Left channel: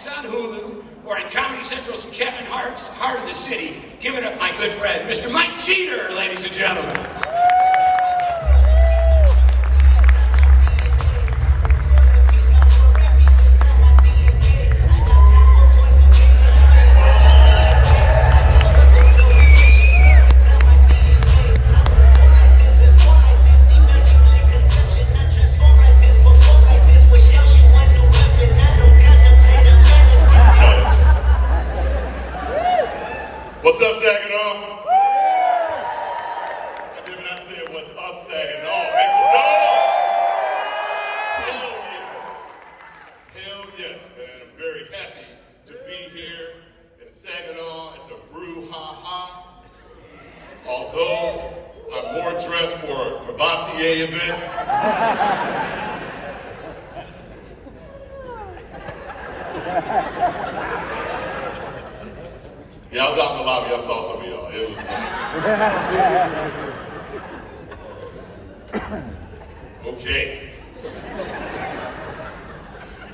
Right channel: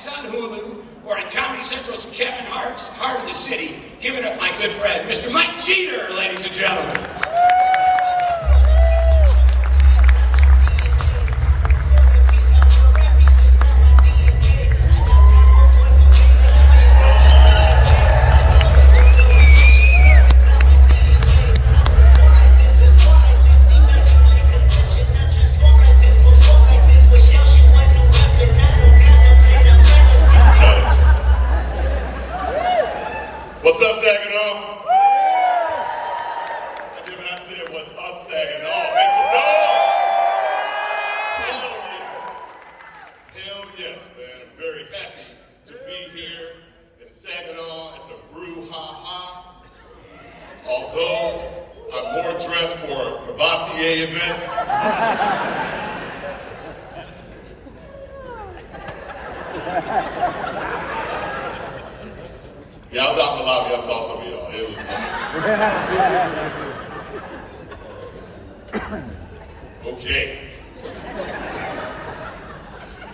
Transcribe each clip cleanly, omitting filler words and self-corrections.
Fox on Hulu or on Comedy Central's Kevin Hart's Heart of the City. Give it up, my good friend, Mr. Mike Jeter, ladies and gentlemen. What's up, Saginaw? I did not say what's up, Saginaw. Make some noise! Hell yeah. Hell yes, man. I'm very happy to be here in Saginaw at the Brew Although I'm more dressed for a Cavassier event. Yeah, I was out in the lobby. I saw some of y'all. It was okay.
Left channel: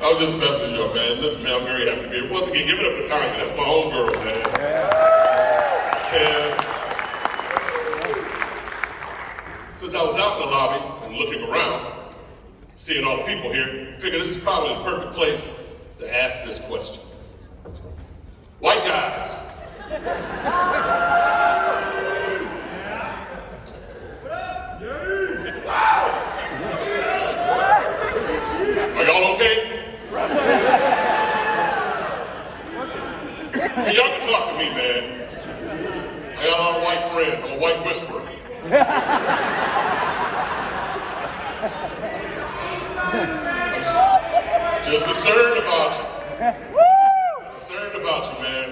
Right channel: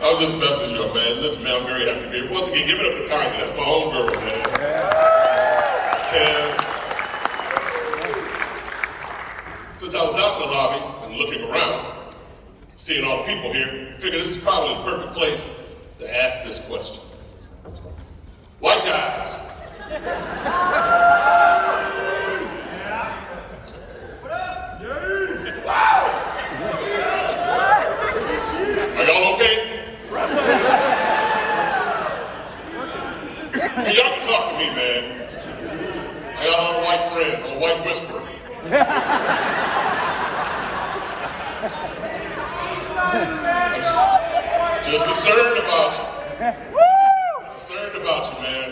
I was just messing with y'all, man. Listen, man, I'm very happy to be here. Once again, give it up for Tanya. That's my own girl, man. And since I was out in the lobby and looking around, seeing all the people here, I figured this is probably the perfect place to ask this question. White guys. Are y'all okay? Well, y'all can talk to me, man. I got a lot of white friends. I'm a white whisperer. I'm just concerned about you. Concerned about you, man.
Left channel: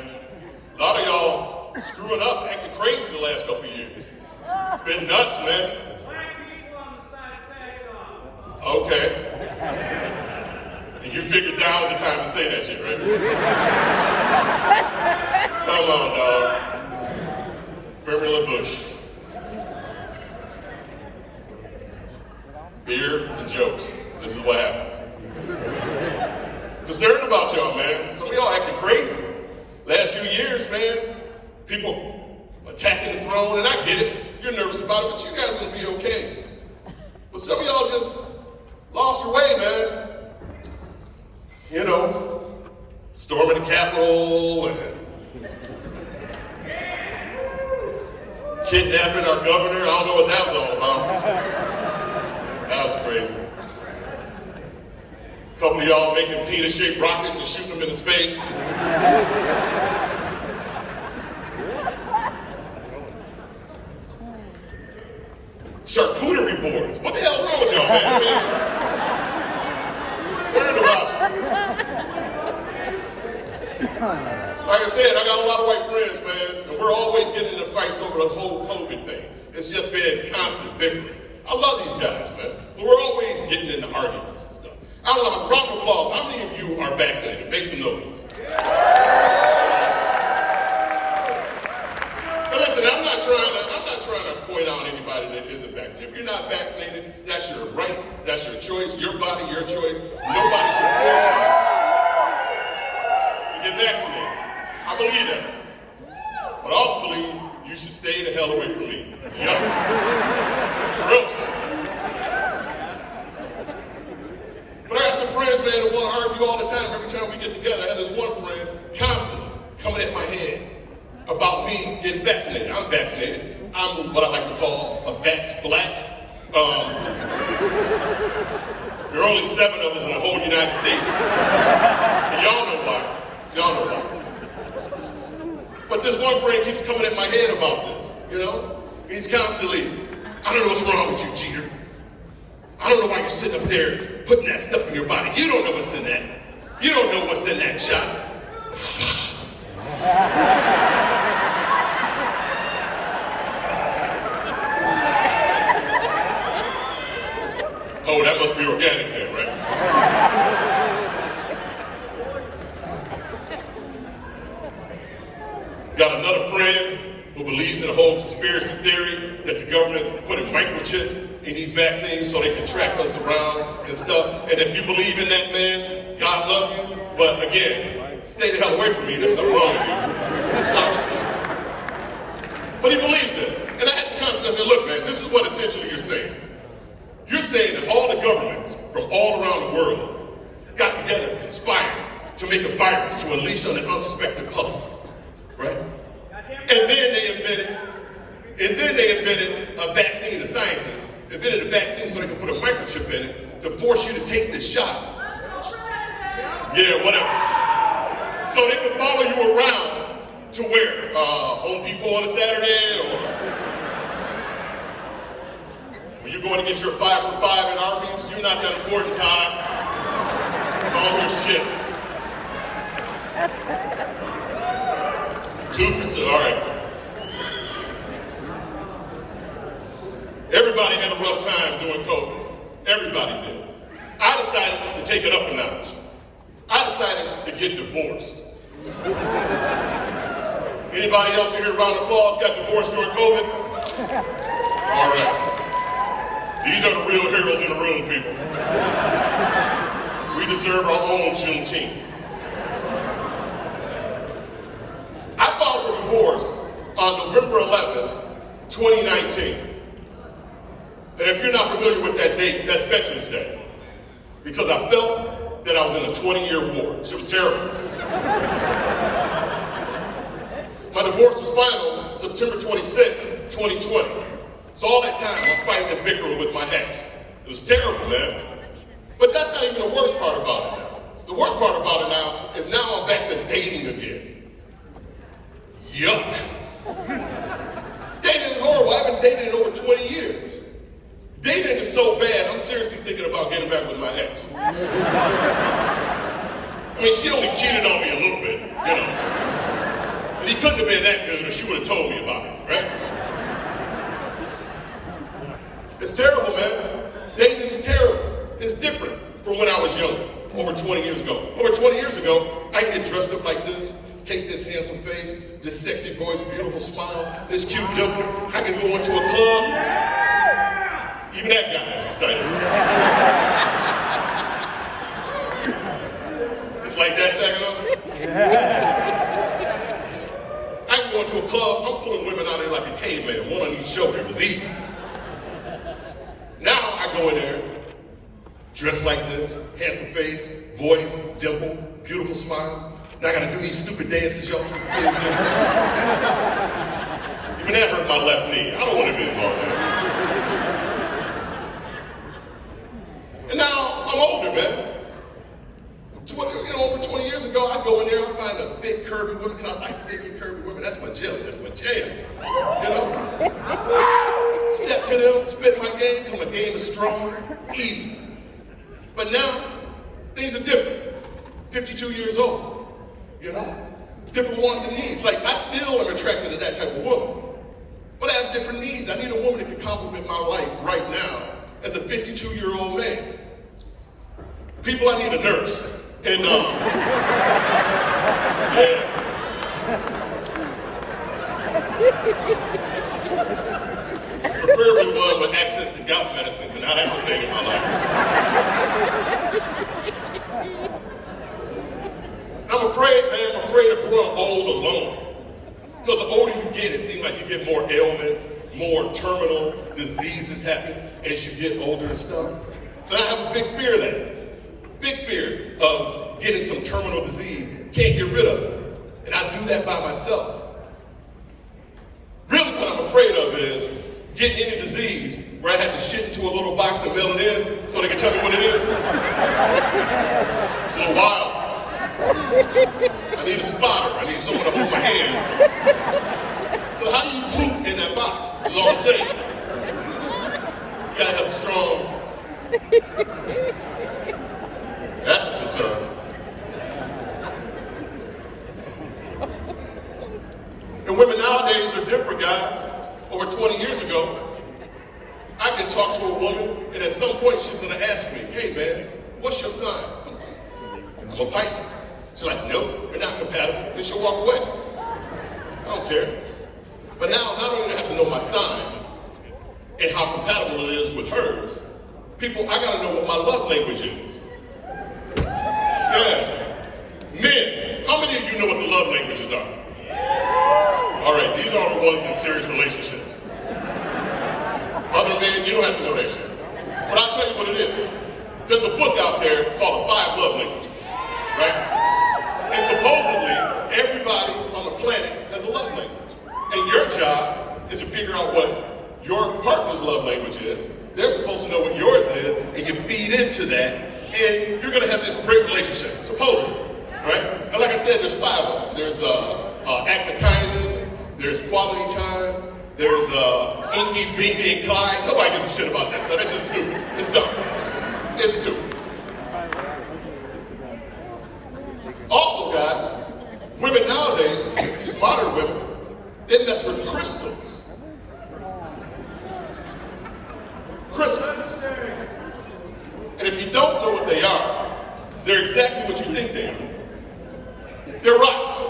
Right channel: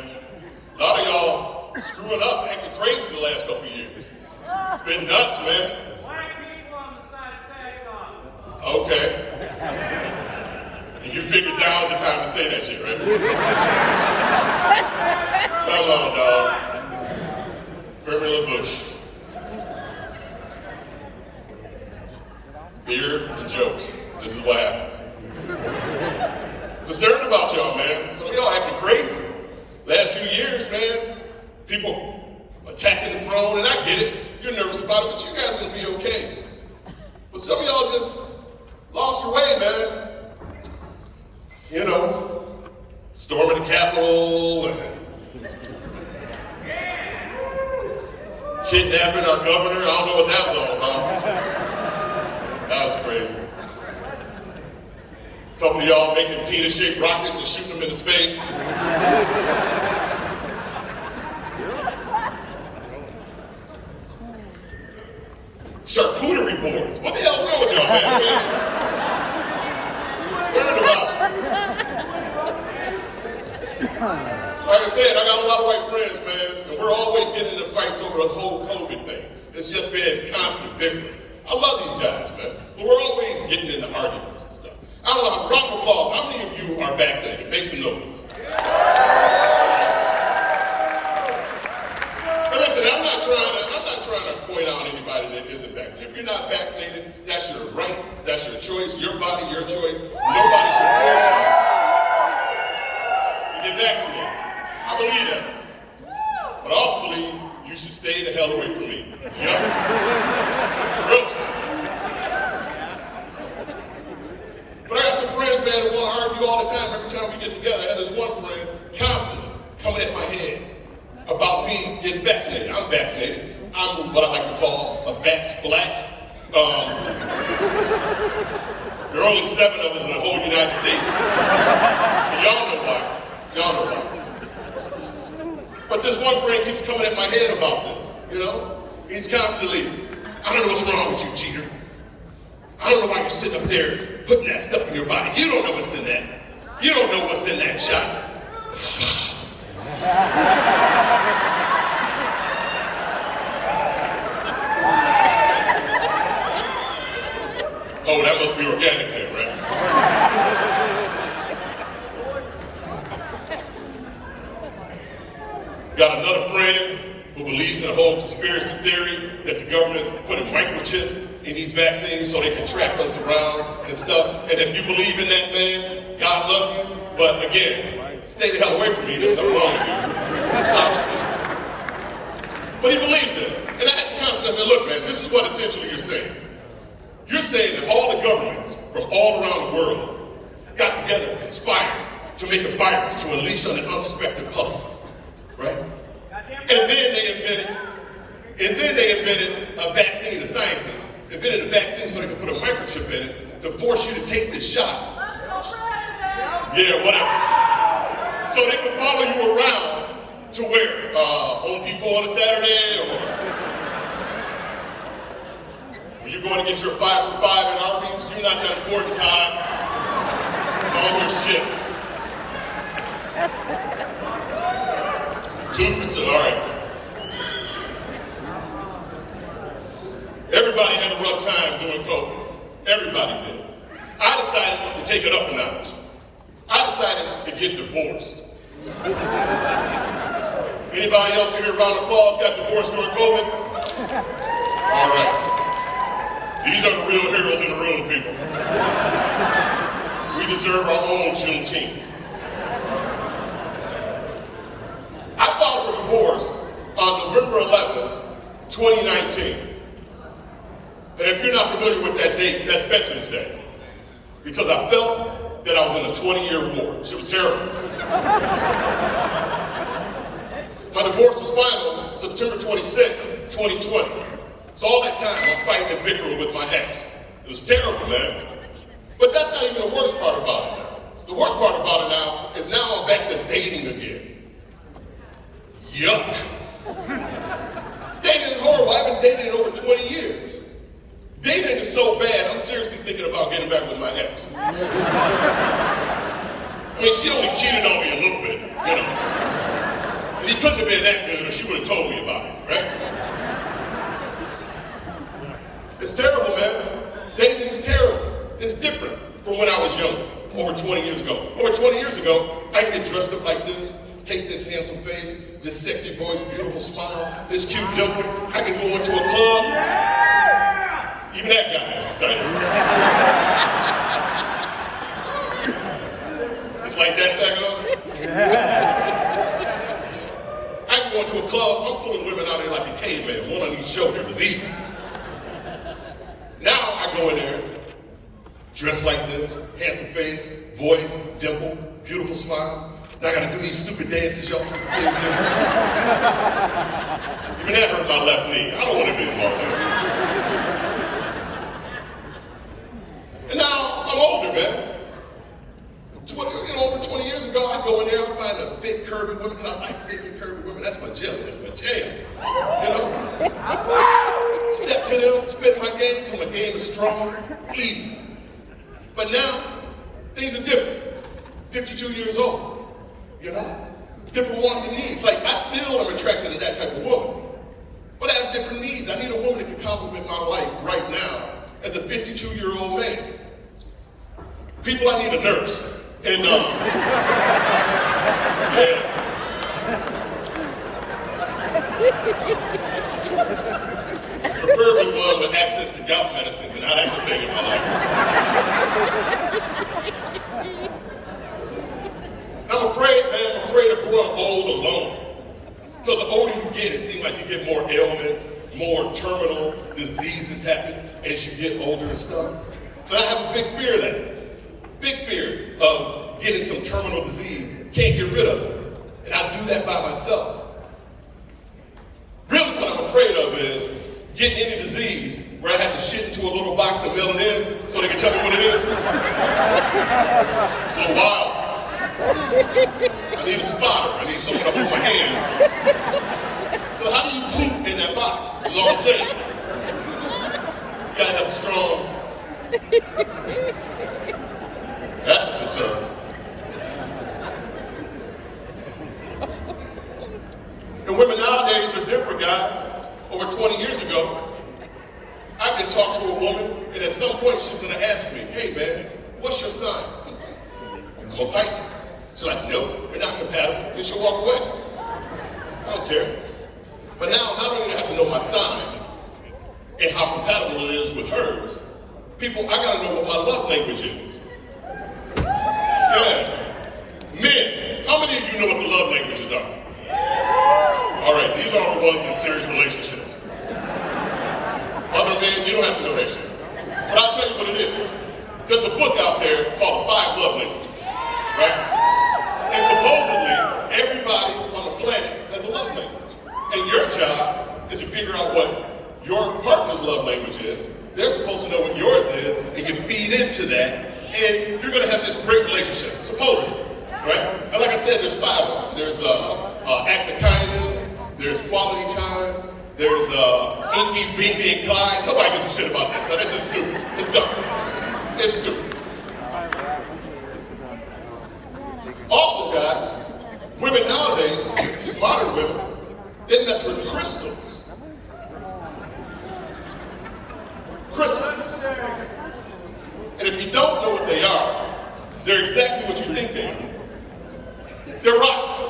A lot of y'all screwing up, acting crazy the last couple of years. It's been nuts, man. Black people on the side of Saginaw. Okay. And you figured now is the time to say that shit, right? Come on, dog. Formula Bush. Beer and jokes. This is what happens. Concerned about y'all, man. Some of y'all acting crazy. Last few years, man, people attacking the throne, and I get it. You're nervous about it, but you guys are gonna be okay. But some of y'all just lost your way, man. You know, storming the Capitol and kidnapping our governor. I don't know what that was all about. That was crazy. A couple of y'all making penis-shaped rockets and shooting them into space. Charcuterie boards. What the hell's wrong with y'all, man? Concerned about you. Like I said, I got a lot of white friends, man, and we're always getting into fights over the whole COVID thing. It's just been constant bickering. I love these guys, man, but we're always getting into arguments and stuff. I don't know, round of applause. How many of you are vaccinated? Make some noise. But listen, I'm not trying to point out anybody that isn't vaccinated. If you're not vaccinated, that's your right, that's your choice, your body, your choice. Nobody should force you to get vaccinated. I believe that. But I also believe you should stay the hell away from me. Yup. It's gross. But I got some friends, man, that want to argue all the time. Every time we get together, I had this one friend constantly coming at my head about me getting vaccinated. I'm vaccinated. I'm what I like to call a vax black. There are only 7 of us in the whole United States. And y'all know why. Y'all know why. But this one friend keeps coming at my head about this, you know? He's constantly, I don't know what's wrong with you, cheater. I don't know why you're sitting up there putting that stuff in your body. You don't know what's in that. You don't know what's in that shot. Oh, that must be organic then, right? Got another friend who believes in the whole conspiracy theory that the government put microchips in these vaccines so they can track us around and stuff. And if you believe in that, man, God love you. But again, stay the hell away from me, there's something wrong with you, obviously. But he believes this. And I had to constantly say, look, man, this is what essentially you're saying. You're saying that all the governments from all around the world got together and conspired to make a virus to unleash on the unsuspecting public, right? And then they invented a vaccine, the scientists invented a vaccine so they could put a microchip in it to force you to take this shot. Yeah, whatever. So they can follow you around to where? Home Depot on a Saturday, or you're going to get your 5 for 5 at Arby's. You're not that important, Todd. All your shit. Toothpaste, all right. Everybody had a rough time during COVID. Everybody did. I decided to take it up a notch. I decided to get divorced. Anybody else here, round of applause, got divorced during COVID? All right. These are the real heroes in the room, people. We deserve our own Juneteenth. I filed for divorce on November 11th, 2019. And if you're not familiar with that date, that's Veterans Day. Because I felt that I was in a 20-year war. It was terrible. My divorce was final September 26, 2020. So all that time, I'm fighting and bickering with my ex. It was terrible, man. But that's not even the worst part about it now. The worst part about it now is now I'm back to dating again. Yuck. Dating is horrible. I haven't dated in over 20 years. Dating is so bad, I'm seriously thinking about getting back with my ex. I mean, she only cheated on me a little bit, you know. And he couldn't have been that good or she would have told me about it, right? It's terrible, man. Dating is terrible. It's different from when I was younger, over 20 years ago. Over 20 years ago, I can get dressed up like this, take this handsome face, this sexy voice, beautiful smile, this cute dimple. I can go into a club. Even that guy is excited. It's like that, Saginaw? I can go into a club, I'm pulling women out there like a caveman, one on each shoulder. It was easy. Now I go in there, dressed like this, handsome face, voice, dimple, beautiful smile. Now I gotta do these stupid dances y'all from the kids do. Even that hurt my left knee. I don't want to be involved with it. And now I'm older, man. Over 20 years ago, I go in there and find a thick, curvy woman, because I like thick and curvy women. That's my jelly, that's my jam. You know? Step to them, spit my game, till my game is strong, easy. But now, things are different. 52 years old, you know? Different wants and needs. Like, I still am attracted to that type of woman. But I have different needs. I need a woman that can complement my life right now as a 52-year-old man. People, I need a nurse. And, yeah. Preferably one with access to gout medicine, and now that's a thing in my life. I'm afraid, man, I'm afraid to grow up old alone. Because the older you get, it seems like you get more ailments, more terminal diseases happen as you get older and stuff. And I have a big fear of that. Big fear of getting some terminal disease. Can't get rid of it. And I do that by myself. Really what I'm afraid of is getting any disease where I have to shit into a little box and mail it in so they can tell me what it is. It's a little wild. I need a spotter. I need someone to hold my hands. So how do you poop in that box? That's all I'm saying. You gotta have strong. That's a concern. And women nowadays are different, guys. Over 20 years ago, I could talk to a woman, and at some point she's gonna ask me, hey man, what's your sign? I'm a Pisces. She's like, nope, we're not compatible. And she'll walk away. I don't care. But now, not only do I have to know my sign and how compatible it is with hers, people, I gotta know what my love language is. Yeah. Men, how know what the love languages are? All right, these are the ones in serious relationships. Other men, you don't have to know that shit. But I'll tell you what it is. There's a book out there called The 5 Love Languages, right? And supposedly, everybody on the planet has a love language. And your job is to figure out what your partner's love language is. They're supposed to know what yours is, and you feed into that, and you're gonna have this great relationship, supposedly, right? And like I said, there's 5 of them. There's acts of kindness, there's quality time, there's Inky, Binky, and Clyde. Nobody gives a shit about this stuff. That's just stupid. It's dumb. It's stupid. Also, guys, women nowadays, these modern women, they mess with crystals. Crystals. And if you don't know what they are, they're exactly what you think they are. They're rocks.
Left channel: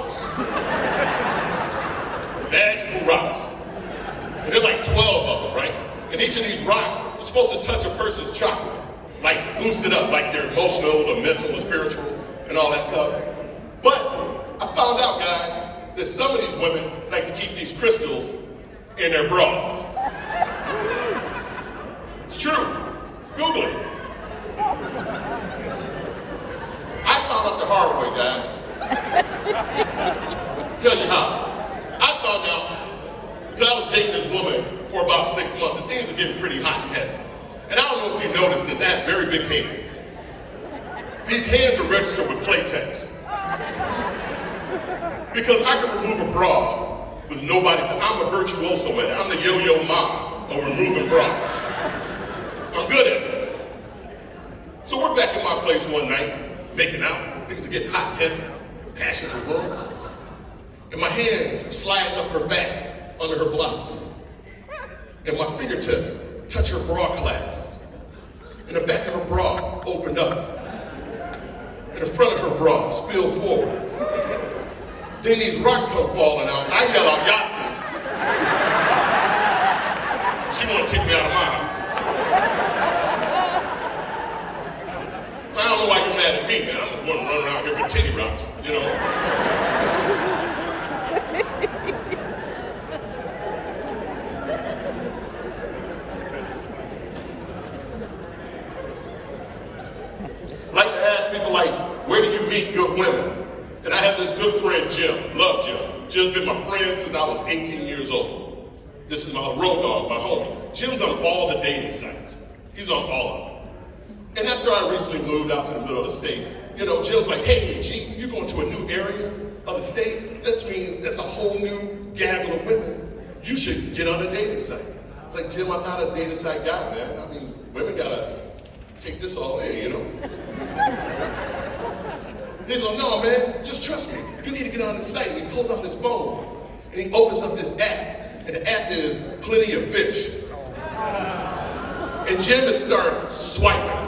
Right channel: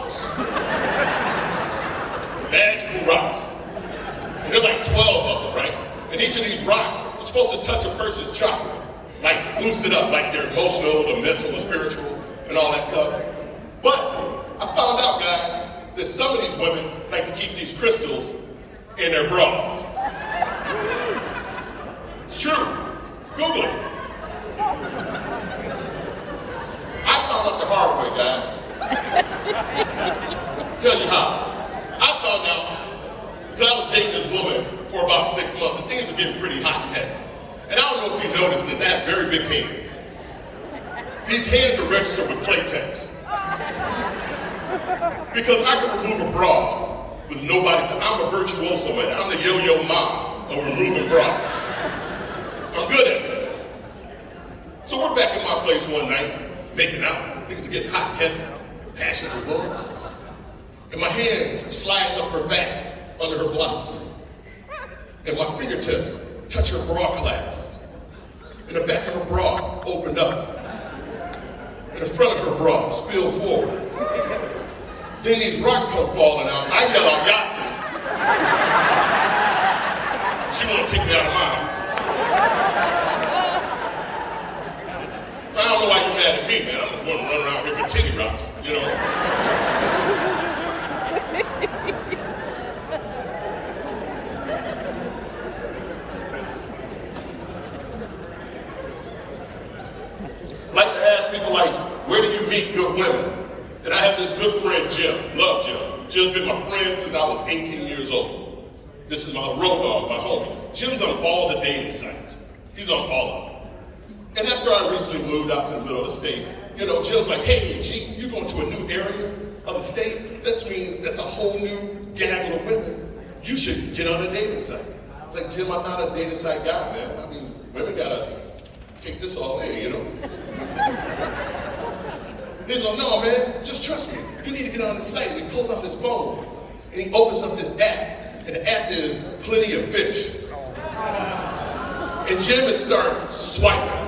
Magical rocks. And there are like 12 of them, right? And each of these rocks is supposed to touch a person's chakra. Like boost it up, like their emotional, the mental, the spiritual, and all that stuff. But I found out, guys, that some of these women like to keep these crystals in their bras. It's true. Google it. I found out the hard way, guys. Tell you how. I found out because I was dating this woman for about 6 months, and things were getting pretty hot and heavy. And I don't know if you noticed this, I have very big hands. These hands are registered with Playtex. Because I can remove a bra with nobody, I'm a virtuoso at it. I'm the yo-yo mom of removing bras. I'm good at it. So we're back at my place one night, making out. Things are getting hot and heavy. Passions are growing. And my hands are sliding up her back under her blouse. And my fingertips touch her bra clasps. And the back of her bra opened up. And the front of her bra spilled forward. Then these rocks come falling out. I yell out Yahtzee. She wanna kick me out of mine. I don't know why you're mad at me, man. I'm the one running around here with titty rocks, you know. Like to ask people like, where do you meet good women? And I have this good friend, Jim. Love Jim. Jim's been my friend since I was 18 years old. This is my road dog, my homie. Jim's on all the dating sites. He's on all of them. And after I recently moved out to the middle of the state, you know, Jim's like, hey, G, you're going to a new area of the state? That means that's a whole new gaggle of women. You should get on a dating site. I was like, Jim, I'm not a dating site guy, man. I mean, women gotta take this all day, you know? He's like, no, man, just trust me. You need to get on the site. And he pulls out his phone, and he opens up this app. And the app is Plenty of Fish. And Jim is starting swiping.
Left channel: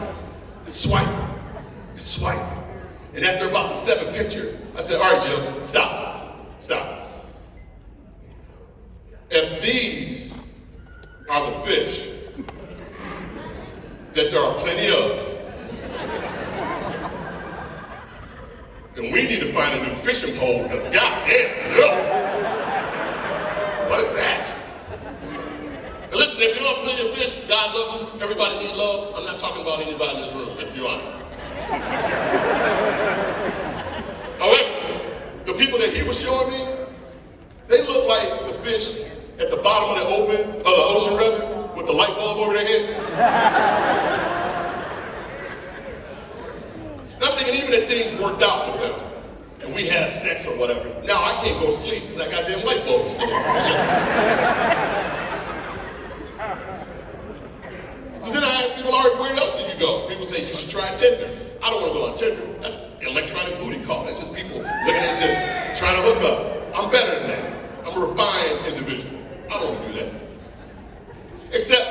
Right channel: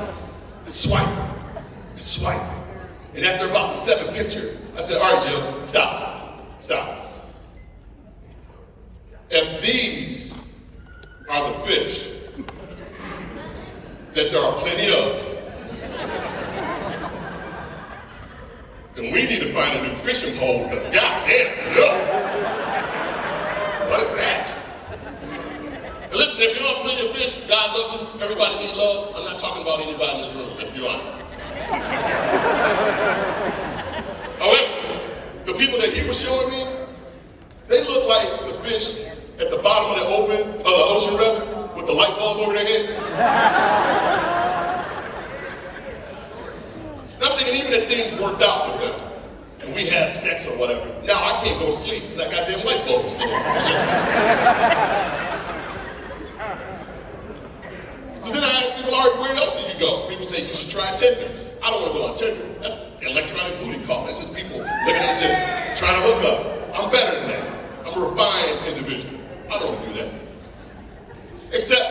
And after about the 7th picture, I said, all right, Jim, stop. If these are the fish that there are plenty of, then we need to find a new fishing pole because goddamn, no. What is that? And listen, if you don't have plenty of fish, God love you, everybody need love. I'm not talking about anybody in this room, if you are. However, the people that he was showing me, they look like the fish at the bottom of the ocean rather, with the light bulb over their head. And I'm thinking even if things worked out with them, and we have sex or whatever, now I can't go to sleep because that goddamn light bulb's still on. So then I ask people, all right, where else can you go? People say you should try Tinder. I don't want to go on Tinder. That's an electronic booty call. That's just people looking at just trying to hook up. I'm better than that. I'm a refined individual. I don't do that. Except,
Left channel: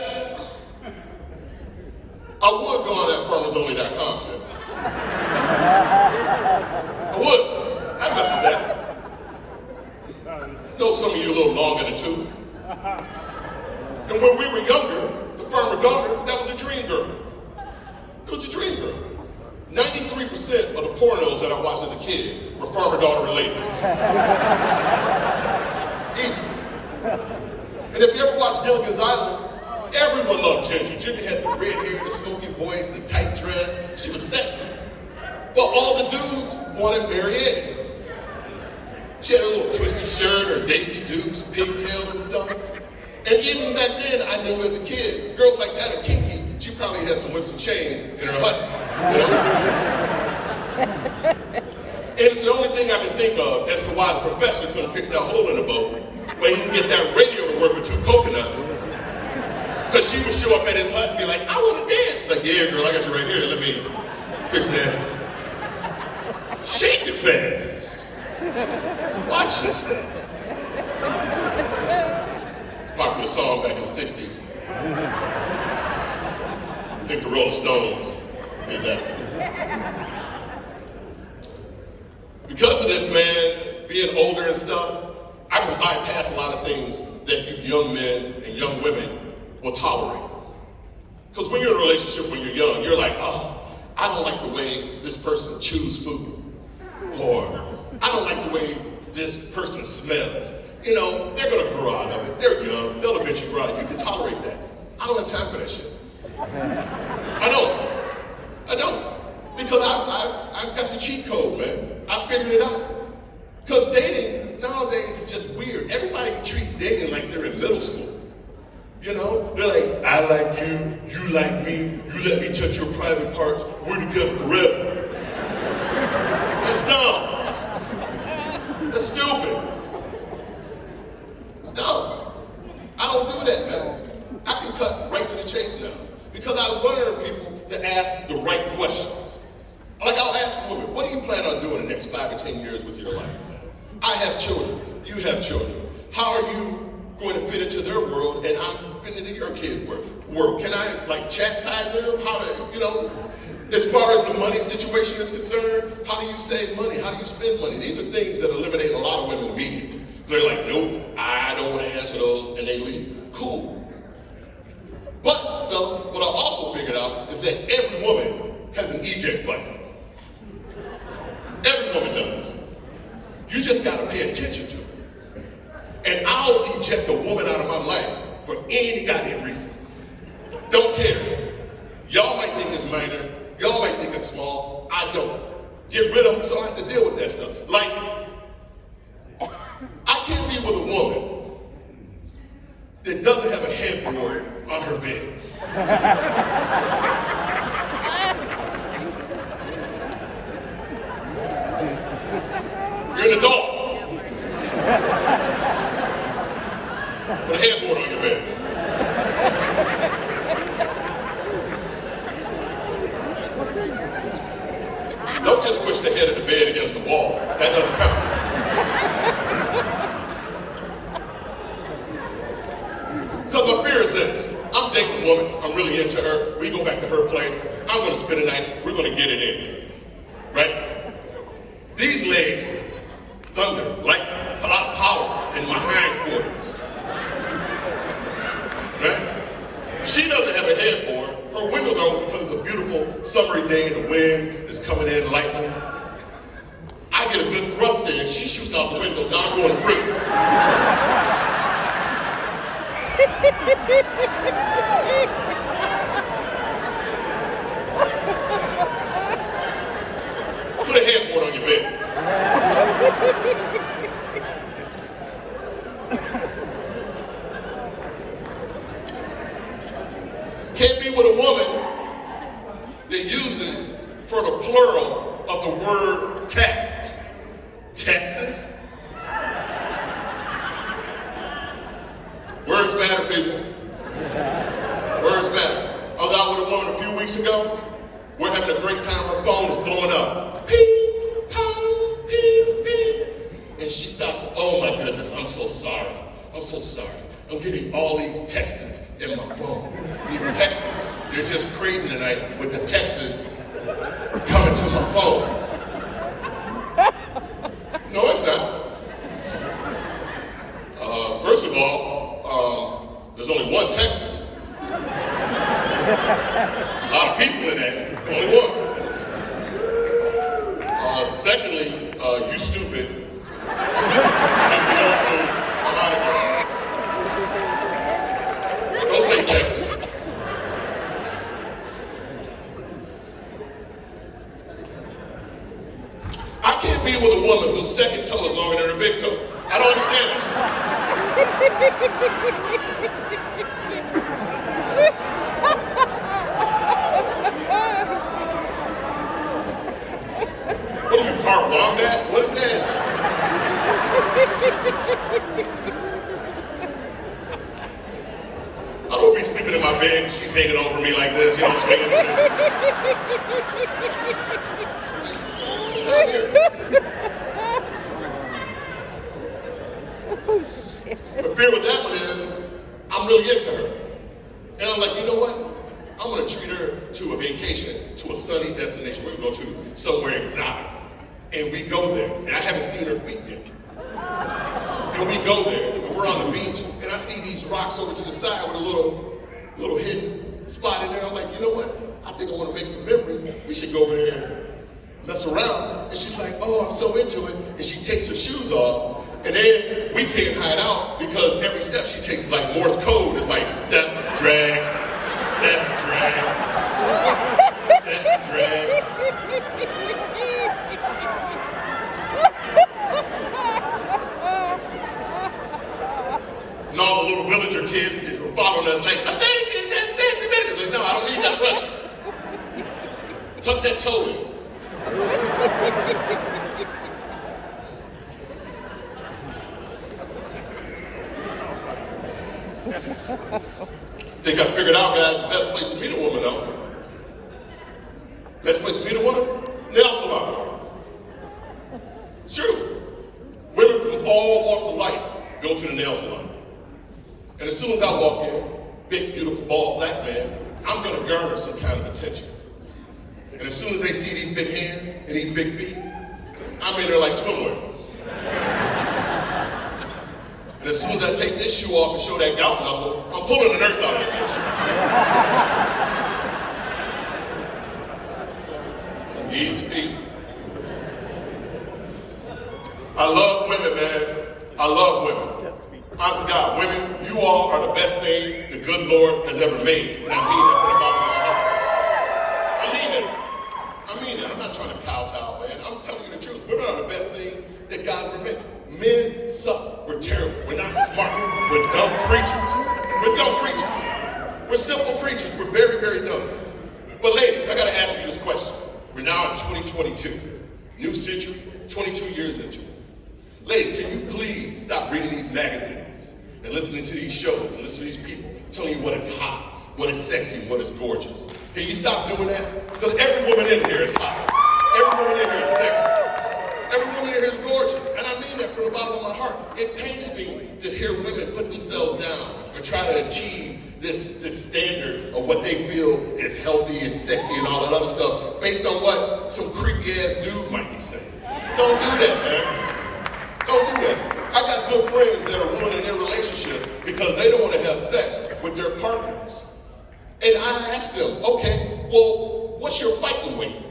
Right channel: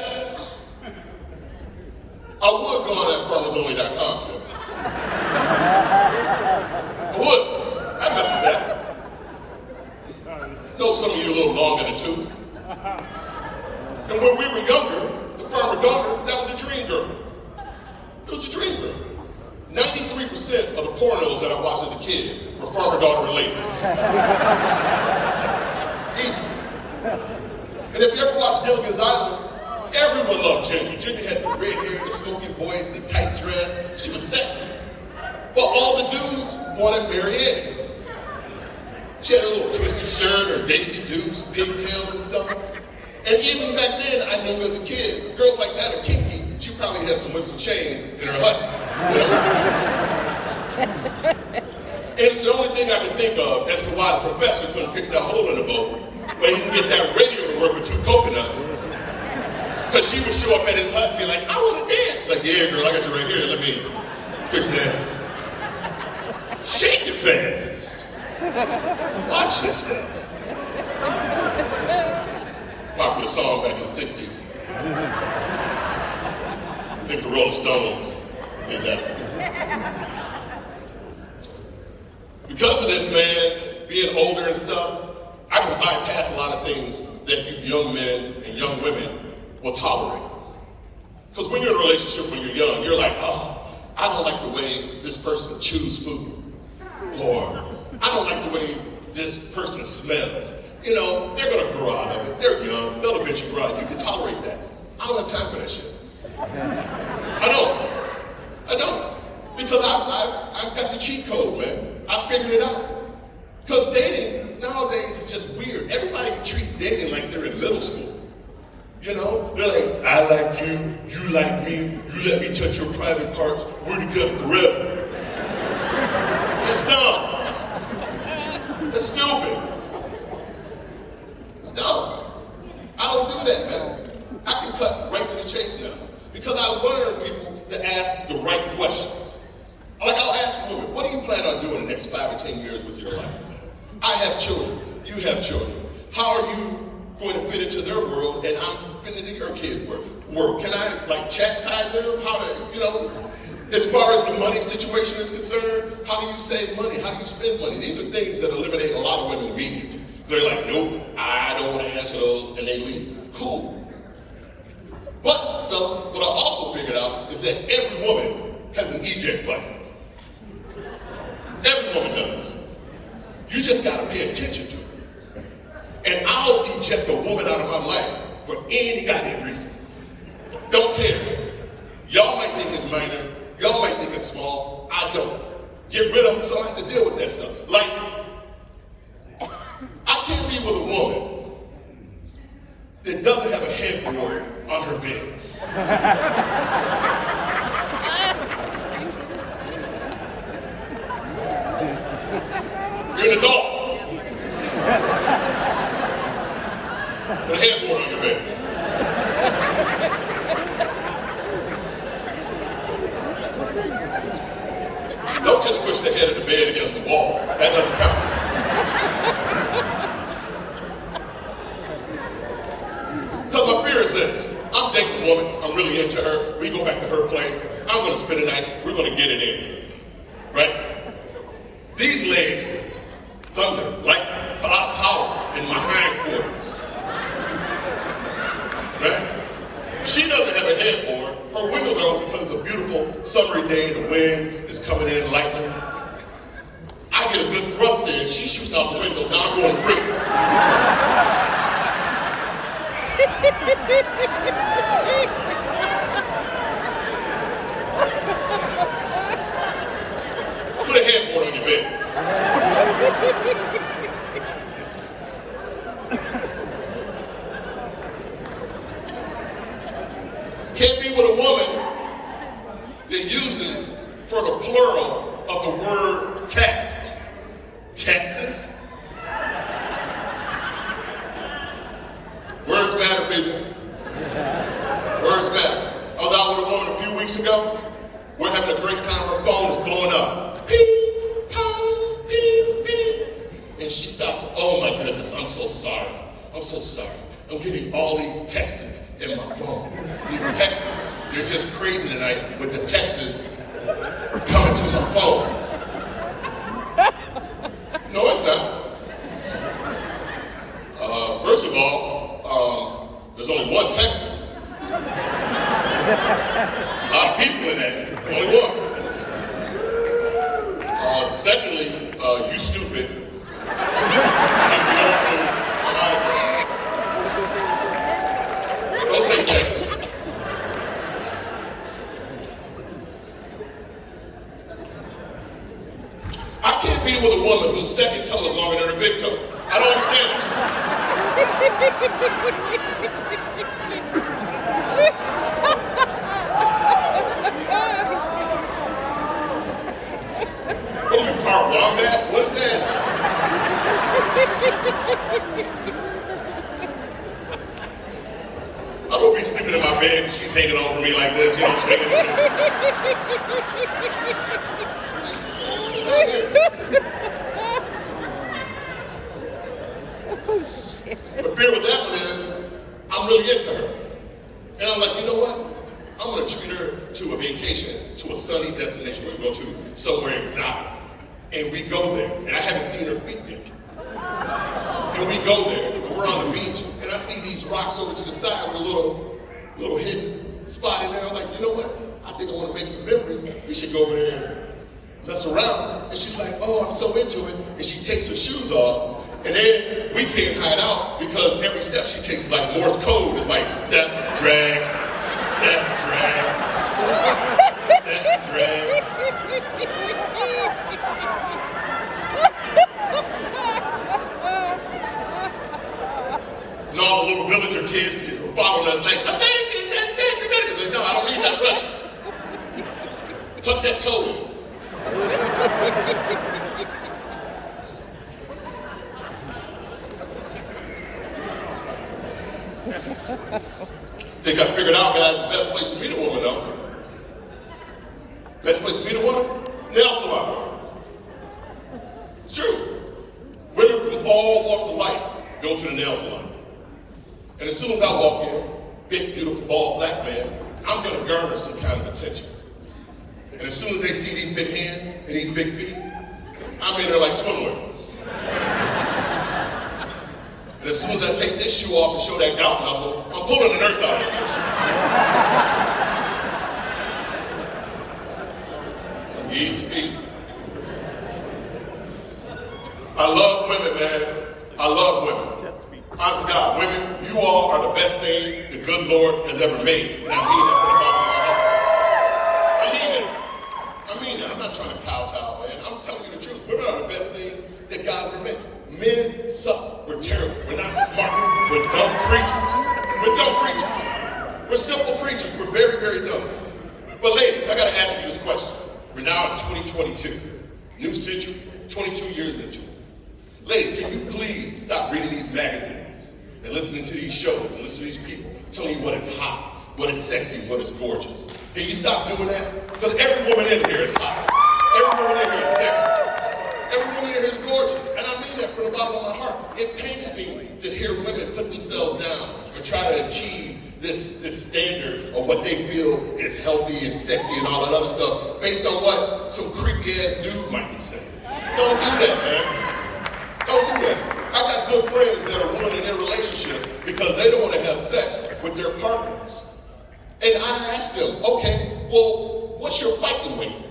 I would go on that farmersonly.com shit. I would. I'd mess with that. I know some of you a little long in the tooth. And when we were younger, the farmer daughter, that was a dream girl. It was a dream girl. 93% of the pornos that I watched as a a kid. We're farmer-daughter related. Easy. And if you ever watch Gilligan's Island, everyone loved Ginger. Ginger had the red hair, the smoky voice, the tight dress. She was sexy. But all the dudes wanted Mary Ann. She had a little twisted shirt, or Daisy Dukes, pigtails and stuff. And even back then, I knew as a kid, girls like that are kinky. She probably had some whips and chains in her hut, you know? And it's the only thing I can think of as to why the professor couldn't fix that hole in the boat, where he can get that radio to work with 2 coconuts. Because she would show up at his hut and be like, I want to dance. She's like, yeah, girl, I got you right here. Let me fix that. Shake it fast. Watch yourself. It's a popular song back in the 60s. I think the Rolling Stones did that. Because of this, man, being older and stuff, I can bypass a lot of things that you young men and young women will tolerate. Because when you're in a relationship when you're young, you're like, oh, I don't like the way this person chews food. Or, I don't like the way this person smells. You know, they're going to grow out of it. They're young. They'll eventually grow out of it. You can tolerate that. I don't have time for that shit. I don't. Because I've got the cheat code, man. I figured it out. Because dating nowadays is just weird. Everybody treats dating like they're in middle school. You know, they're like, I like you, you like me, you let me touch your private parts, we're together forever. It's dumb. It's stupid. It's dumb. I don't do that, man. I can cut right to the chase now. Because I've learned people to ask the right questions. Like I'll ask a woman, what do you plan on doing the next 5 or 10 years with your life? I have children. You have children. How are you going to fit into their world and I'm fitting into your kids' world? Can I like chastise them? How do you know? As far as the money situation is concerned, how do you save money? How do you spend money? These are things that eliminate a lot of women immediately. They're like, nope, I don't want to answer those, and they leave. Cool. But, fellas, what I also figured out is that every woman has an eject button. Every woman does. You just got to pay attention to it. And I'll eject a woman out of my life for any goddamn reason. Don't care. Y'all might think it's minor. Y'all might think it's small. I don't. Get rid of them so I have to deal with that stuff. Like, I can't be with a woman that doesn't have a headboard on her bed. You're an adult. Put a headboard on your bed. Don't just push the head of the bed against the wall. That doesn't count. Because my fear is this. I'm dating a woman. I'm really into her. We go back to her place. I'm going to spend the night. We're going to get it in. Right? These legs thunder, lightning, a lot of power in my hindquarters. Right? She doesn't have a headboard. Her windows are open because it's a beautiful summery day and the wind is coming in lightly. I get a good thrust in. She shoots out the window. Now I'm going to prison. Put a headboard on your bed. Can't be with a woman that uses for the plural of the word text. Texas. Words matter, people. Words matter. I was out with a woman a few weeks ago. We're having a great time. Her phone is blowing up. Beep, pong, beep, beep. And she stops. Oh my goodness, I'm so sorry. I'm so sorry. I'm getting all these texts in my phone. These texts, they're just crazy tonight with the texts coming to my phone. No, it's not. First of all, there's only one Texas. A lot of people in that, only one. Secondly, you stupid. And you learn to America. Don't say Texas. I can't be with a woman whose second toe is longer than her big toe. I don't understand this. What are you, car wombat? What is that? I don't be sleeping in my bed and she's hanging over me like this, you know, swinging. The fear with that one is, I'm really into her. And I'm like, you know what? I'm gonna treat her to a vacation, to a sunny destination where we go to somewhere exotic. And we go there, and I haven't seen her feet yet. And we go there, and we're on the beach, and I see these rocks over to the side with a little hidden spot in there. I'm like, you know what? I think I wanna make some memories. We should go over there and mess around. And she's like, oh, I'm so into it. And she takes her shoes off. And then we can't hide out because every step she takes is like Morse code. It's like step, drag, step, drag, step, drag. And all the little villager kids were following us like, Americans have sex, Americans. Like, no, I don't need that pressure. Tuck that toe in. Think I figured out, guys, the best place to meet a woman, though. Best place to meet a woman? Nail salon. It's true. Women from all walks of life go to the nail salon. And as soon as I walk in, big, beautiful, bald black man, I'm going to garner some kind of attention. And as soon as they see these big hands and these big feet, I'm in there like swimwear. And as soon as I take this shoe off and show that gout knuckle, I'm pulling the nurse out of that bitch. So easy peasy. I love women, man. I love women. Honest to God, women, you all are the best thing the good Lord has ever made. And I mean that from the bottom of my heart. I mean it. I'm not trying to kowtow, man. I'm telling you the truth. Women are the best thing that God ever made. Men suck. We're terrible. We're not smart. We're dumb creatures. We're dumb creatures. We're simple creatures. We're very, very dumb. But ladies, I gotta ask you this question. We're now in 2022. New century, 22 years into it. Ladies, can you please stop reading these magazines and listening to these shows and listening to these people telling you what is hot, what is sexy, and what is gorgeous? Can you stop doing that? Because every woman in here is hot. Every woman in here is sexy. Every woman in here is gorgeous. And I mean that from the bottom of my heart. It pains me to hear women put themselves down and try to achieve this standard of what they feel is healthy and sexy and all that other stuff based on what some creepy ass dude might be saying. Don't do that, man. Don't do that. I got good friends that are ruining their relationship because they don't want to have sex with their partners. And I ask them, okay, well, what's your fighting weight?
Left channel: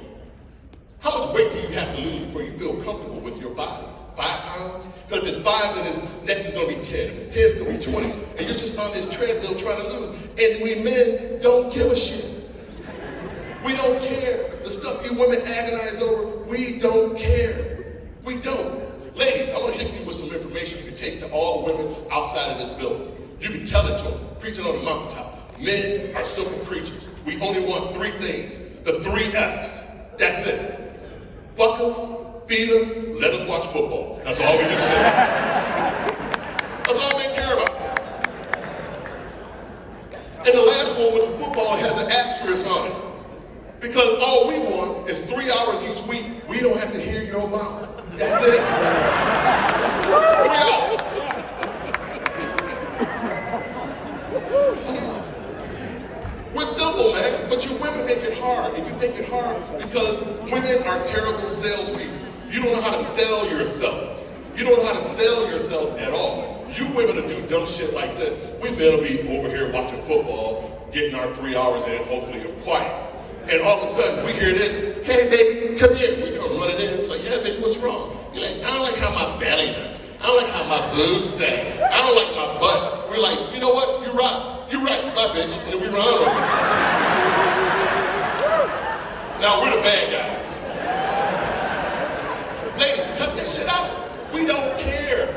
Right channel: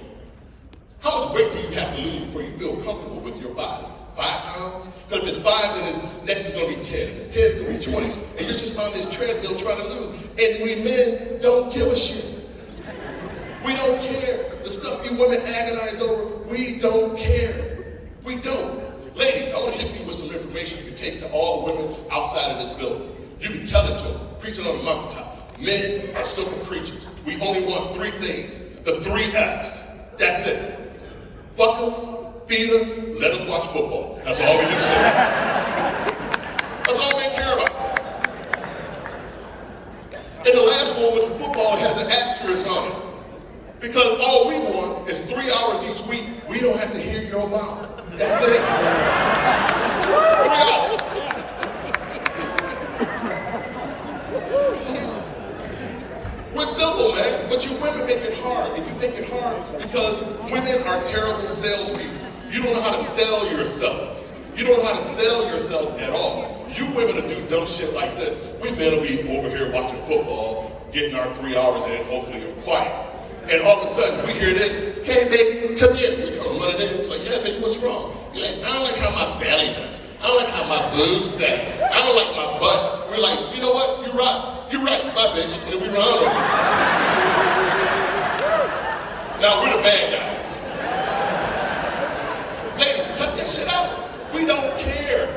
How much weight do you have to lose before you feel comfortable with your body? 5 pounds? Because if it's 5, then next is going to be 10. If it's 10, it's going to be 20. And you're just on this treadmill trying to lose. And we men don't give a shit. We don't care. The stuff you women agonize over, we don't care. We don't. Ladies, I want to hit you with some information you can take to all the women outside of this building. You can tell it to them, preaching on the mountaintop. Men are simple creatures. We only want 3 things. The 3 F's. That's it. Fuck us, feed us, let us watch football. That's all we give a shit about. That's all we care about. And the last one with the football has an asterisk on it. Because all we want is 3 hours each week. We don't have to hear your mouth. That's it. 3 hours. We're simple, man, but you women make it hard. And you make it hard because women are terrible salespeople. You don't know how to sell yourselves. You don't know how to sell yourselves at all. You women will do dumb shit like this. We men will be over here watching football, getting our 3 hours in, hopefully of quiet. And all of a sudden, we hear this, hey baby, come here. We come running in and say, yeah baby, what's wrong? You're like, I don't like how my belly does. I don't like how my boobs sag. I don't like my butt. We're like, you know what? You're right, my bitch. And we run over. Now we're the bad guys. Ladies, cut that shit out. We don't care.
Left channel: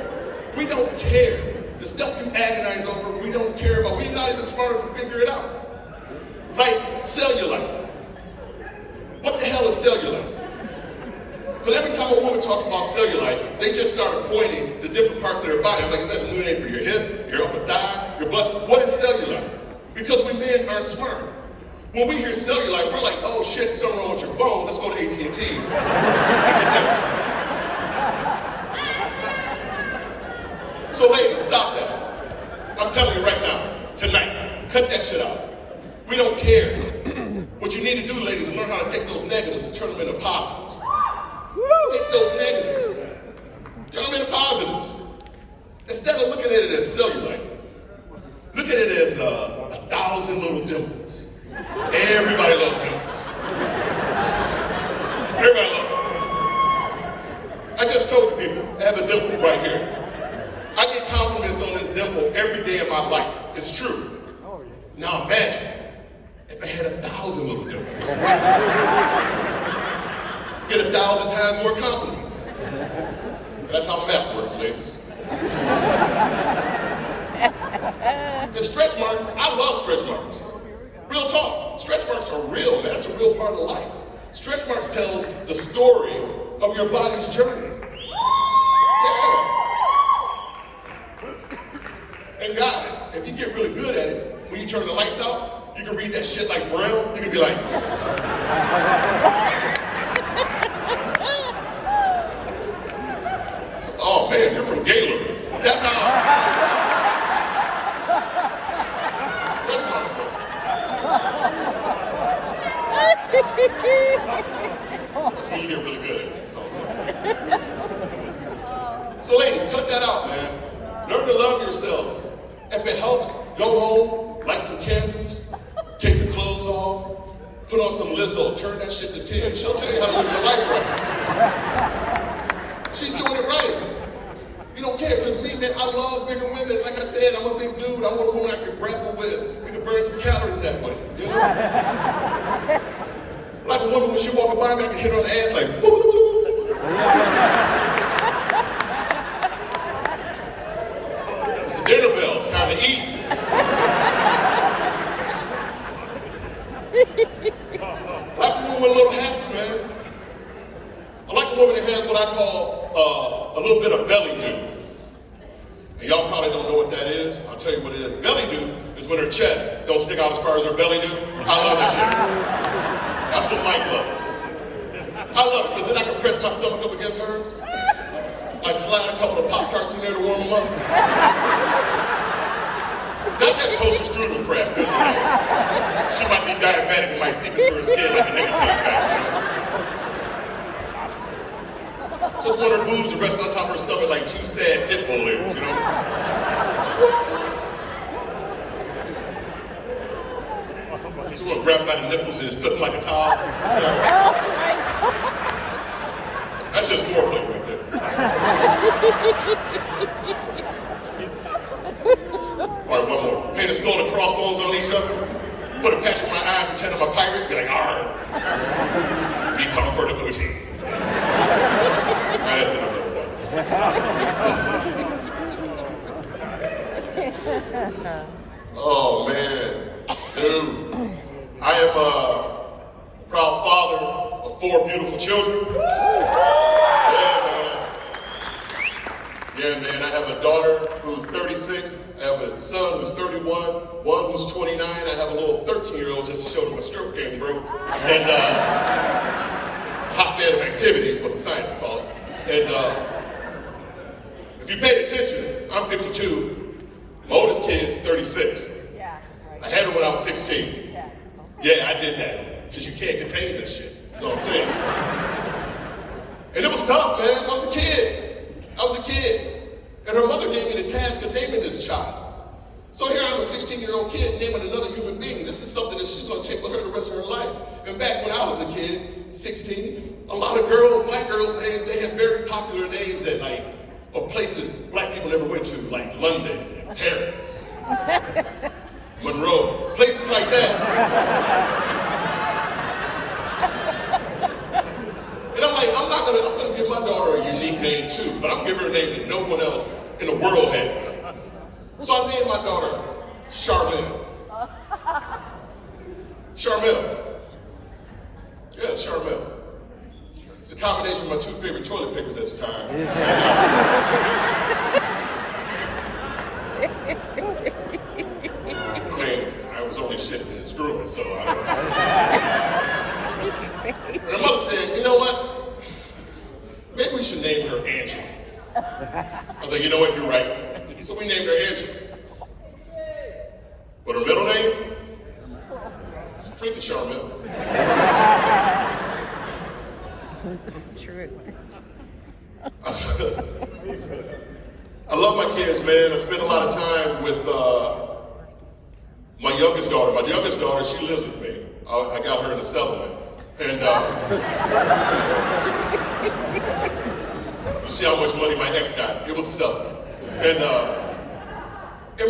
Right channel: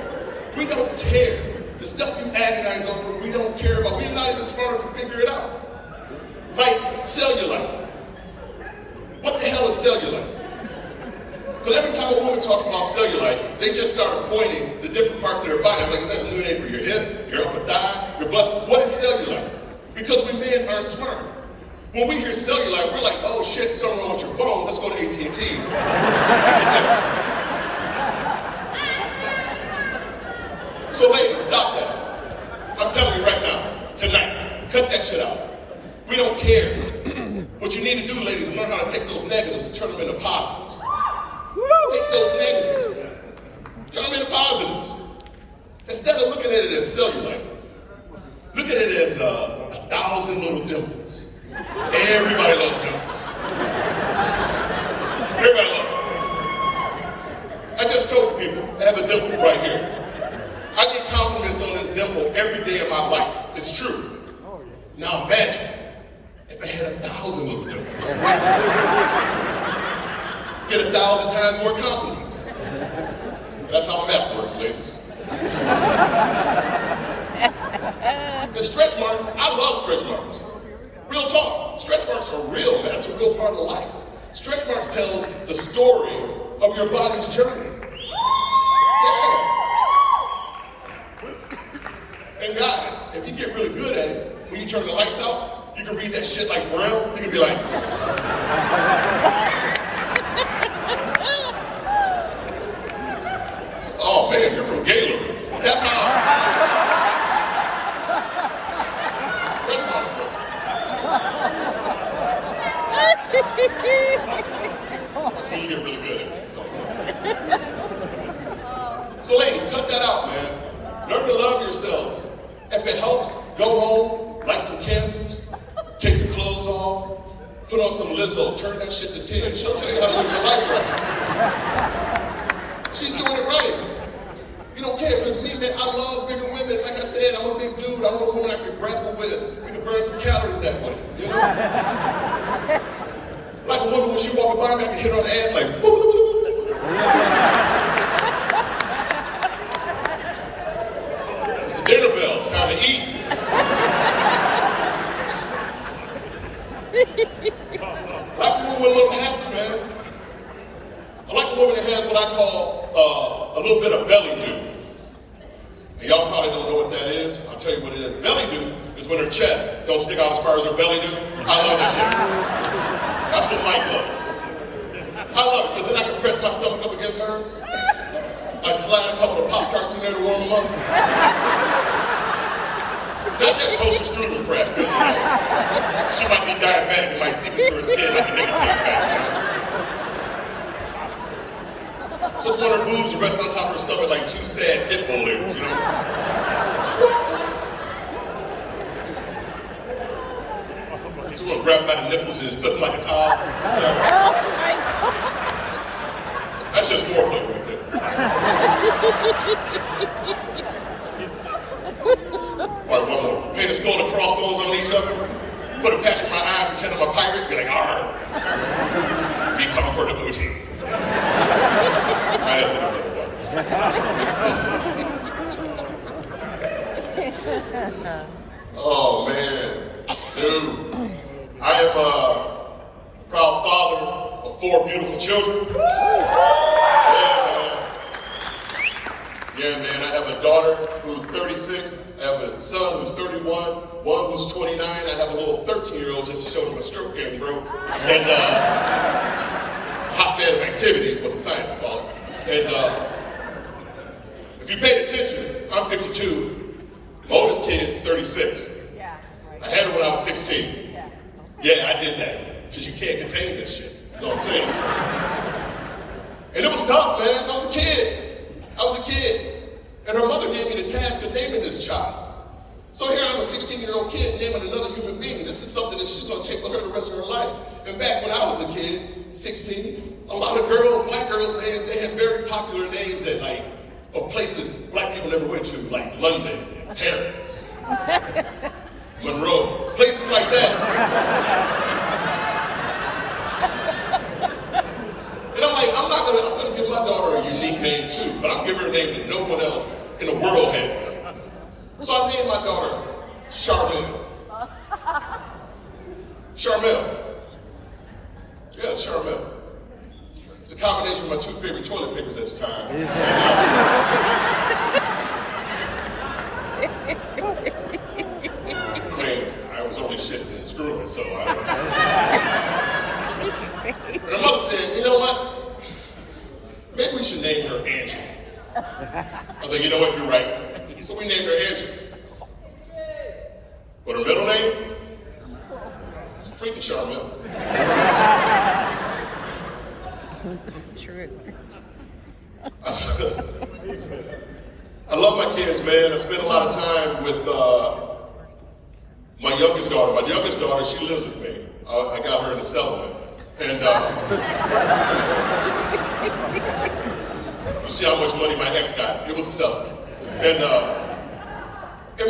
We don't care. The stuff you agonize over, we don't care about. We're not even smart to figure it out. Like cellulite. What the hell is cellulite? Because every time a woman talks about cellulite, they just start pointing to different parts of their body. I'm like, is that a new name for your hip, your upper thigh, your butt? What is cellulite? Because we men are smart. When we hear cellulite, we're like, oh shit, someone wants your phone, let's go to AT&T. We get that. So ladies, stop that. I'm telling you right now, tonight, cut that shit out. We don't care. What you need to do, ladies, is learn how to take those negatives and turn them into positives. Take those negatives, turn them into positives. Instead of looking at it as cellulite, look at it as 1,000 little dimples. Everybody loves dimples. Everybody loves them. I just told the people, I have a dimple right here. I get compliments on this dimple every day of my life. It's true. Now imagine if I had 1,000 little dimples. Get 1,000 times more compliments. That's how math works, ladies. The stretch marks, I love stretch marks. Real talk, stretch marks are real, man. That's a real part of life. Stretch marks tells the story of your body's journey. Yeah. And guys, if you get really good at it, when you turn the lights out, you can read that shit like Braille. You can be like, oh man, you're from Gaylord. That's how stretch marks go. So you get really good at it, that's all I'm saying. So ladies, cut that out, man. Learn to love yourselves. If it helps, go home, light some candles, take the clothes off, put on some Lizzo, turn that shit to 10. She'll tell you how to live your life right. She's doing it right. You don't care, because me, man, I love bigger women. Like I said, I'm a big dude. I want a woman I can grapple with. We can burn some calories that way, you know? Like a woman, when she walks by me, I can hit her on the ass like, boo, boo, boo, boo. It's dinner bell, it's time to eat. I like a woman with a little heft, man. I like a woman that has what I call a little bit of belly do. And y'all probably don't know what that is. I'll tell you what it is. Belly do is when her chest don't stick out as far as her belly do. I love that shit. That's what Mike loves. I love it, because then I can press my stomach up against hers. I slide a couple of Pop-Tarts in there to warm them up. Not that toasted strudel crap, because you know, she might be diabetic and might seep into her skin like a nicotine patch, you know? Just want her boobs to rest on top of her stomach like two sad pit bull ladies, you know? Just want to grab by the nipples and just flip them like a towel. That's just foreplay right there. All right, one more. Paint a skull and crossbones on each other. Put a patch in my eye, pretend I'm a pirate, be like, arr. Be comfort and bougie. That's it, I'm done with that. Oh, man. Dude. I am a proud father of 4 beautiful children. Yeah, man, I have a daughter who's 36, I have a son who's 31, one who's 29, I have a little 13-year-old just to show them a stroke game, bro. And it's a hotbed of activity is what the science call it. And if you paid attention, I'm 52, my oldest kid's 36. I had her when I was 16. Yeah, I did that, because you can't contain this shit, that's all I'm saying. And it was tough, man, I was a kid. And her mother gave me the task of naming this child. So here I'm a 16-year-old kid naming another human being. This is something that she's going to take with her the rest of her life. And back when I was a kid, 16, a lot of black girls' names, they had very popular names that of places black people never went to, like London and Paris, Monroe, places like that. And I'm like, I'm gonna give my daughter a unique name too, but I'm giving her a name that no one else in the world has. So I named my daughter Charmel. Charmel. Yeah, Charmel. It's a combination of my two favorite toilet papers at the time. I was only shitting and screwing, so I don't know. But her mother said, you know what? Maybe we should name her Angela. I was like, you know what, you're right. So we named her Angela. But her middle name? It's freaking Charmel. This is true. I love my kids, man. I spend a lot of time with my youngest daughter. My youngest daughter, she lives with me. I got her in a settlement. And you see how much money my ex got. It was a settlement. And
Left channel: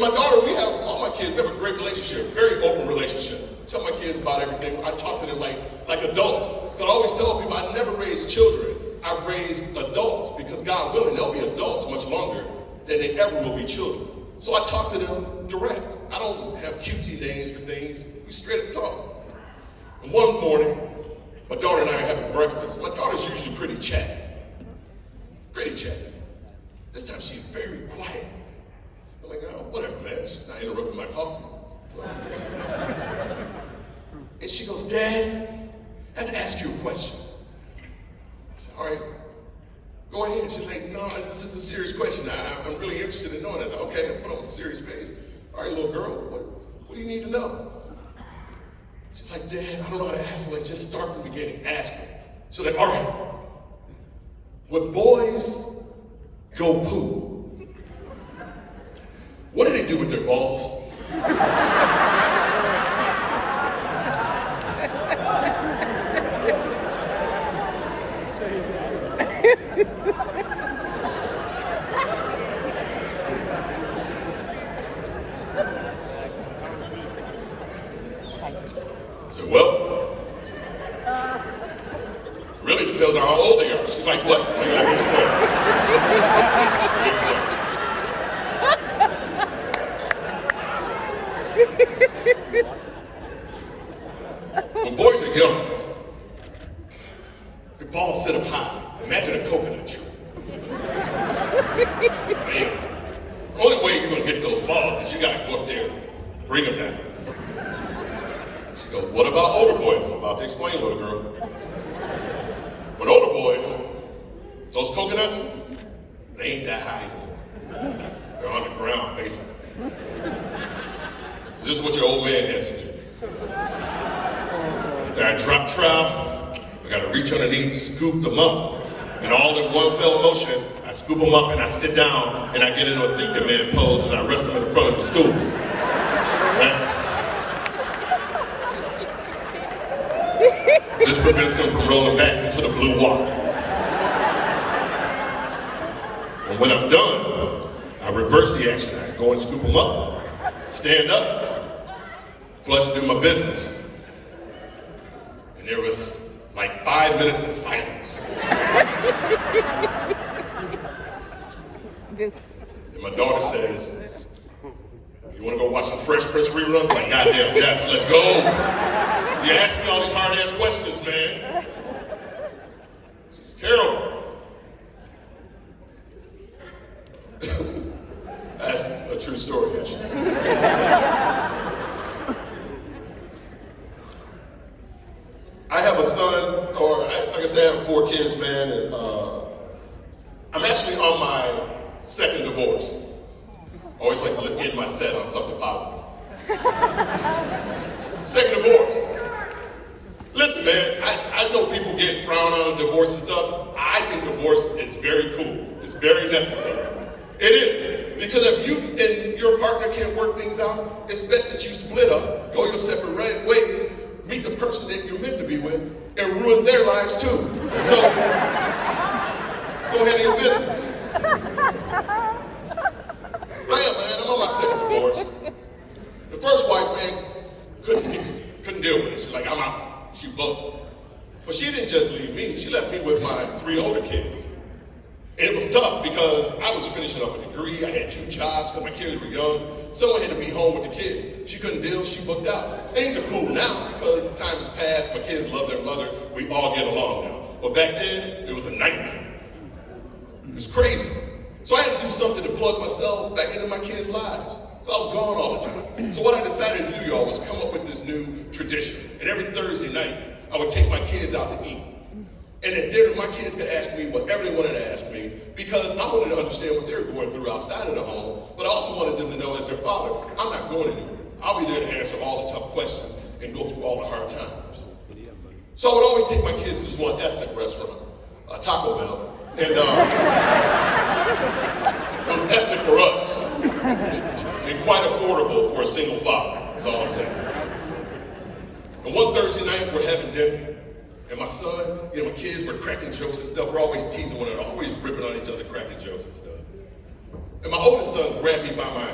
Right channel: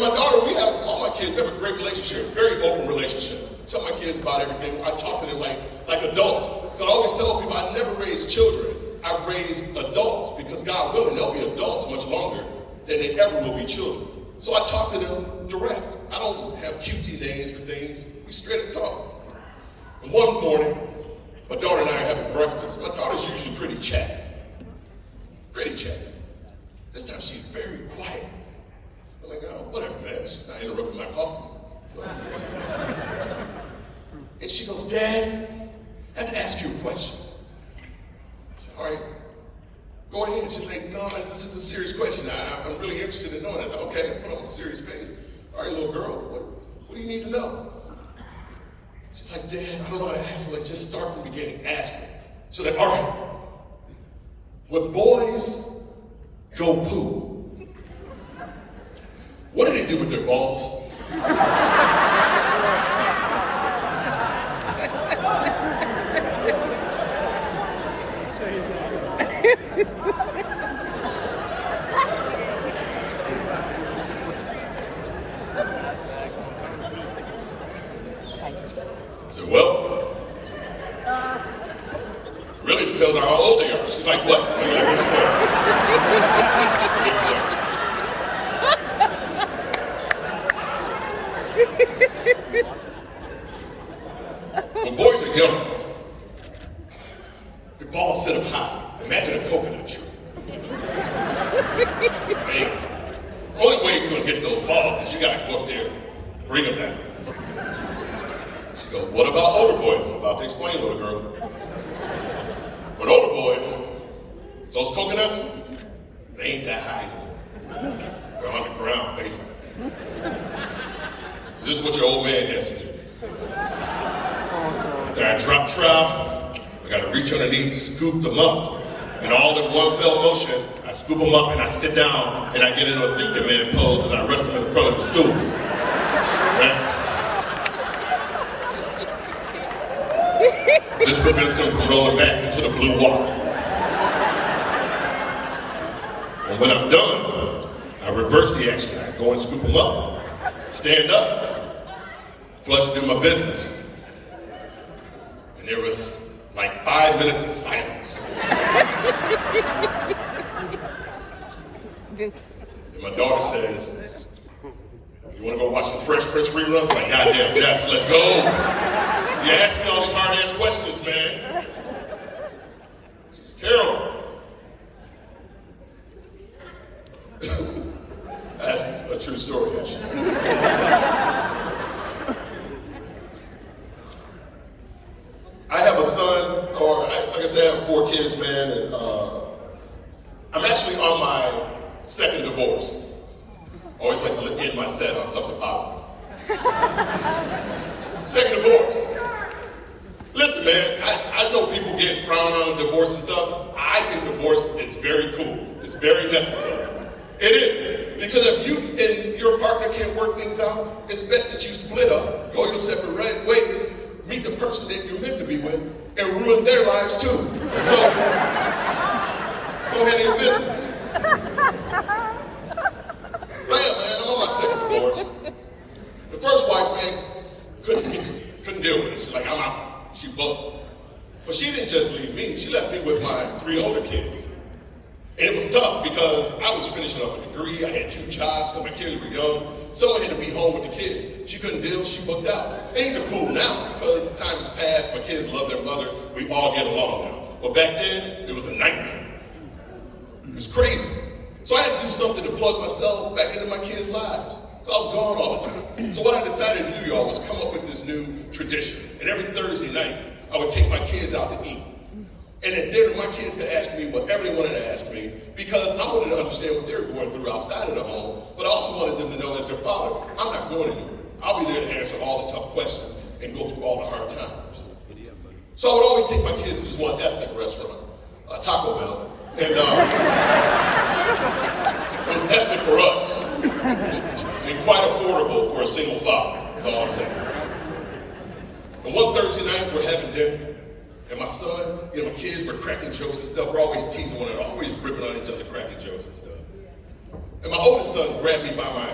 my daughter, all my kids, we have a great relationship, very open relationship. Tell my kids about everything. I talk to them like adults. Because I always tell people I never raised children. I've raised adults because God willing, they'll be adults much longer than they ever will be children. So I talk to them direct. I don't have cutesy names for things. We straight up talk. And one morning, my daughter and I are having breakfast. My daughter's usually pretty chatty. Pretty chatty. This time she's very quiet. I'm like, oh, whatever, man. She's not interrupting my coffee. So and she goes, Dad, I have to ask you a question. I said, all right, go ahead. She's like, no, this is a serious question. I'm really interested in knowing. I said, okay, I put on a serious face. All right, little girl, what do you need to know? She's like, Dad, I don't know how to ask her. Like, just start from the beginning. Ask me. She's like, all right. When boys go poop, what do they do with their balls? I said, well, it really depends on how old they are. She's like, what? Let me explain. Let me explain. When boys are young, the balls sit up high. Imagine a coconut tree. Man, the only way you're going to get those balls is you got to go up there and bring them down. She goes, what about older boys? I'm about to explain, little girl. With older boys, those coconuts, they ain't that high anymore. They're on the ground, basically. So this is what your old man has to do. After I drop trout, I gotta reach underneath, scoop them up. And all in one fell motion, I scoop them up and I sit down and I get into a thinking man pose as I rest them in front of the stool. Right? This prevents them from rolling back into the blue water. And when I'm done, I reverse the action. I go and scoop them up, stand up, flush and do my business. And there was like 5 minutes of silence. And my daughter says, you want to go watch some Fresh Prince reruns? I'm like, goddamn, yes, let's go. You ask me all these hard-ass questions, man. She's terrible. That's a true story, actually. I have a son, or like I said, I have 4 kids, man, and I'm actually on my 2nd divorce. I always like to end my set on something positive. 2nd divorce. Listen, man, I know people get frowned on divorce and stuff. I think divorce is very cool. It's very necessary. It is. Because if you and your partner can't work things out, it's best that you split up, go your separate ways, meet the person that you're meant to be with, and ruin their lives too. So, go handle your business. Right, man, I'm on my second divorce. The first wife, man, couldn't deal with it. She's like, I'm out. She booked. But she didn't just leave me. She left me with my 3 older kids. And it was tough because I was finishing up a degree. I had 2 jobs because my kids were young. Someone had to be home with the kids. She couldn't deal. She booked out. Things are cool now because time has passed. My kids love their mother. We all get along now. But back then, it was a nightmare. It was crazy. So I had to do something to plug myself back into my kids' lives. I was gone all the time. So what I decided to do, y'all, was come up with this new tradition. And every Thursday night, I would take my kids out to eat. And at dinner, my kids could ask me whatever they wanted to ask me because I wanted to understand what they were going through outside of the home, but I also wanted them to know as their father, I'm not going anywhere. I'll be there to answer all the tough questions and go through all the hard times. So I would always take my kids to this one ethnic restaurant, Taco Bell. And it was ethnic for us and quite affordable for a single father, is all I'm saying. And one Thursday night, we're having dinner. And my son, my kids were cracking jokes and stuff. We're always teasing one another, always ripping on each other, cracking jokes and stuff. And my oldest son grabbed me by my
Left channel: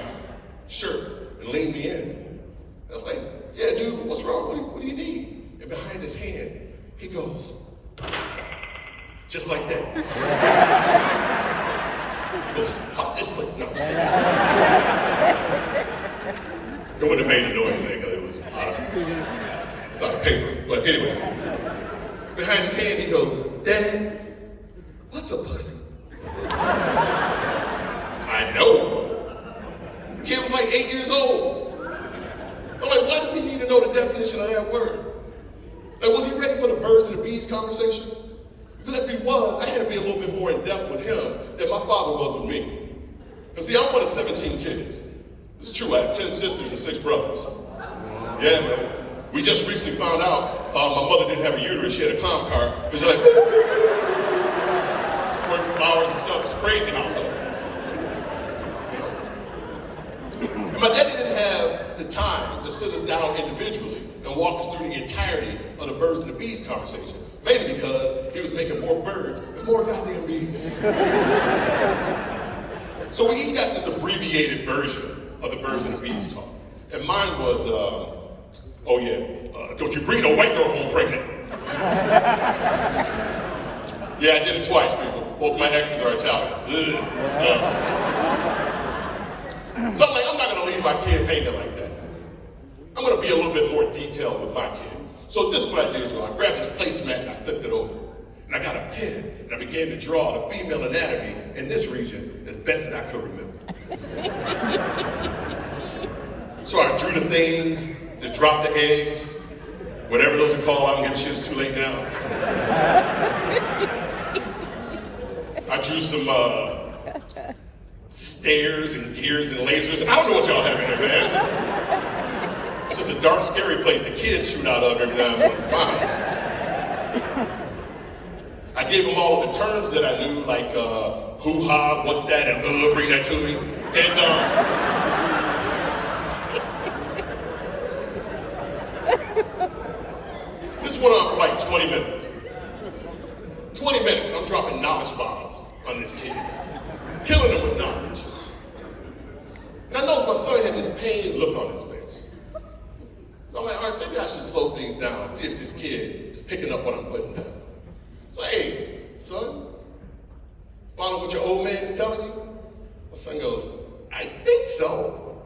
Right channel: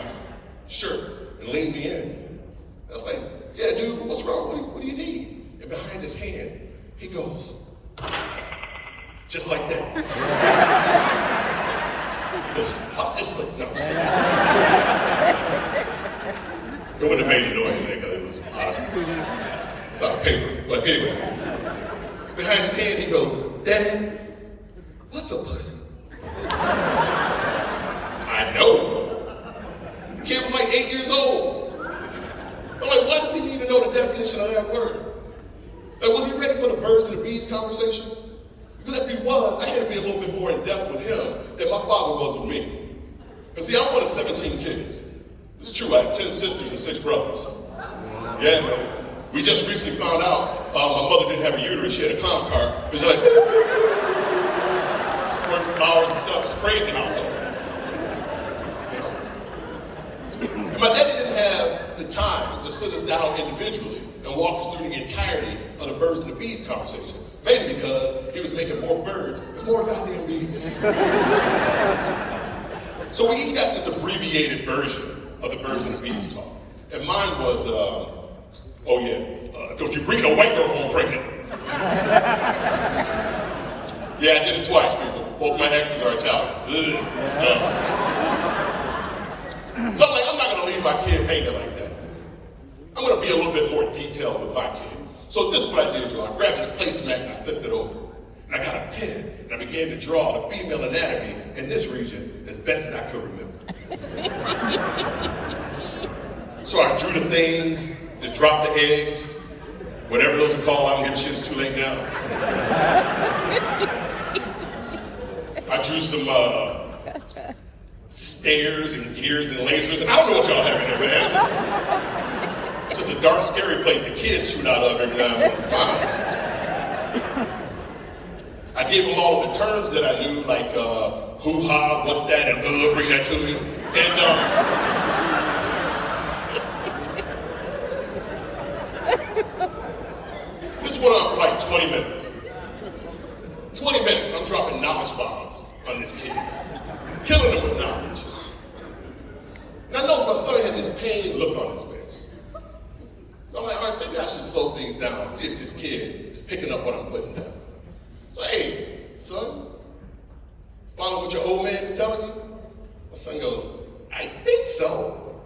shirt and leaned me in. I was like, yeah, dude, what's wrong? What do you need? And behind his hand, he goes, just like that. He goes, pop this foot. No, it wouldn't have made a noise because it was it's out of paper. But anyway. Behind his hand, he goes, Dad, what's a pussy? I know. The kid was like 8 years old. So I'm like, why does he need to know the definition of that word? Like, was he ready for the birds and the bees conversation? Because if he was, I had to be a little bit more in depth with him than my father was with me. Because see, I'm one of 17 kids. This is true, I have 10 sisters and 6 brothers. Yeah, man. We just recently found out my mother didn't have a uterus, she had a clown car. It was like, squirting flowers and stuff. It's crazy. And I was like, and my daddy didn't have the time to sit us down individually and walk us through the entirety of the birds and the bees conversation. Mainly because he was making more birds and more goddamn bees. So we each got this abbreviated version of the birds and the bees talk. And mine was, oh yeah, don't you bring no white girl home pregnant. Yeah, I did it twice, people. Both my exes are Italian. So I'm like, I'm not gonna leave my kid hanging like that. I'm gonna be a little bit more detailed with my kid. So this is what I did, y'all. I grabbed this placemat and I flipped it over. And I got a pen and I began to draw the female anatomy in this region as best as I could remember. So I drew the things that drop the eggs, whatever those are called, I don't give a shit, it's too late now. I drew some stairs and gears and lasers. I don't know what y'all have in there, man. It's just a dark, scary place the kids shoot out of every now and once in a while. I gave them all of the terms that I knew, like hoo-ha, what's that, and bring that to me. And this went on for like 20 minutes. 20 minutes, I'm dropping knowledge bombs on this kid. Killing him with knowledge. And I noticed my son had this pained look on his face. So I'm like, all right, maybe I should slow things down and see if this kid is picking up what I'm putting down. So, hey, son, follow what your old man is telling you? My son goes, I think so.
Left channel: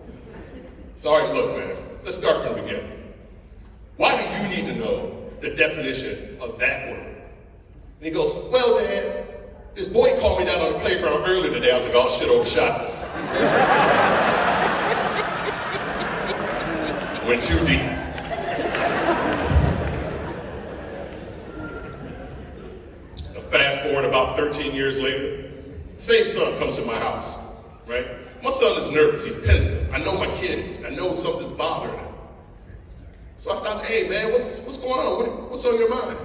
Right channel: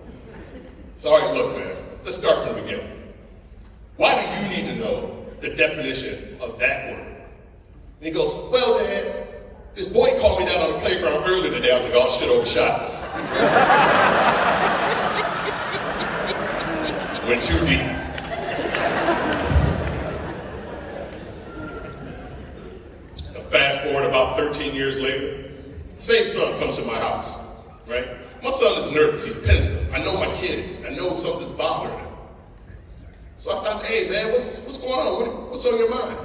So, all right, look, man, let's start from the beginning. Why do you need to know the definition of that word? And he goes, well, Dad, this boy called me down on the playground earlier today. I was like, oh, shit, overshot. Went too deep. Now, fast forward about 13 years later, same son comes to my house, right? My son is nervous, he's pensive. I know my kids, I know something's bothering him. So I said, hey man, what's going on? What's on your mind?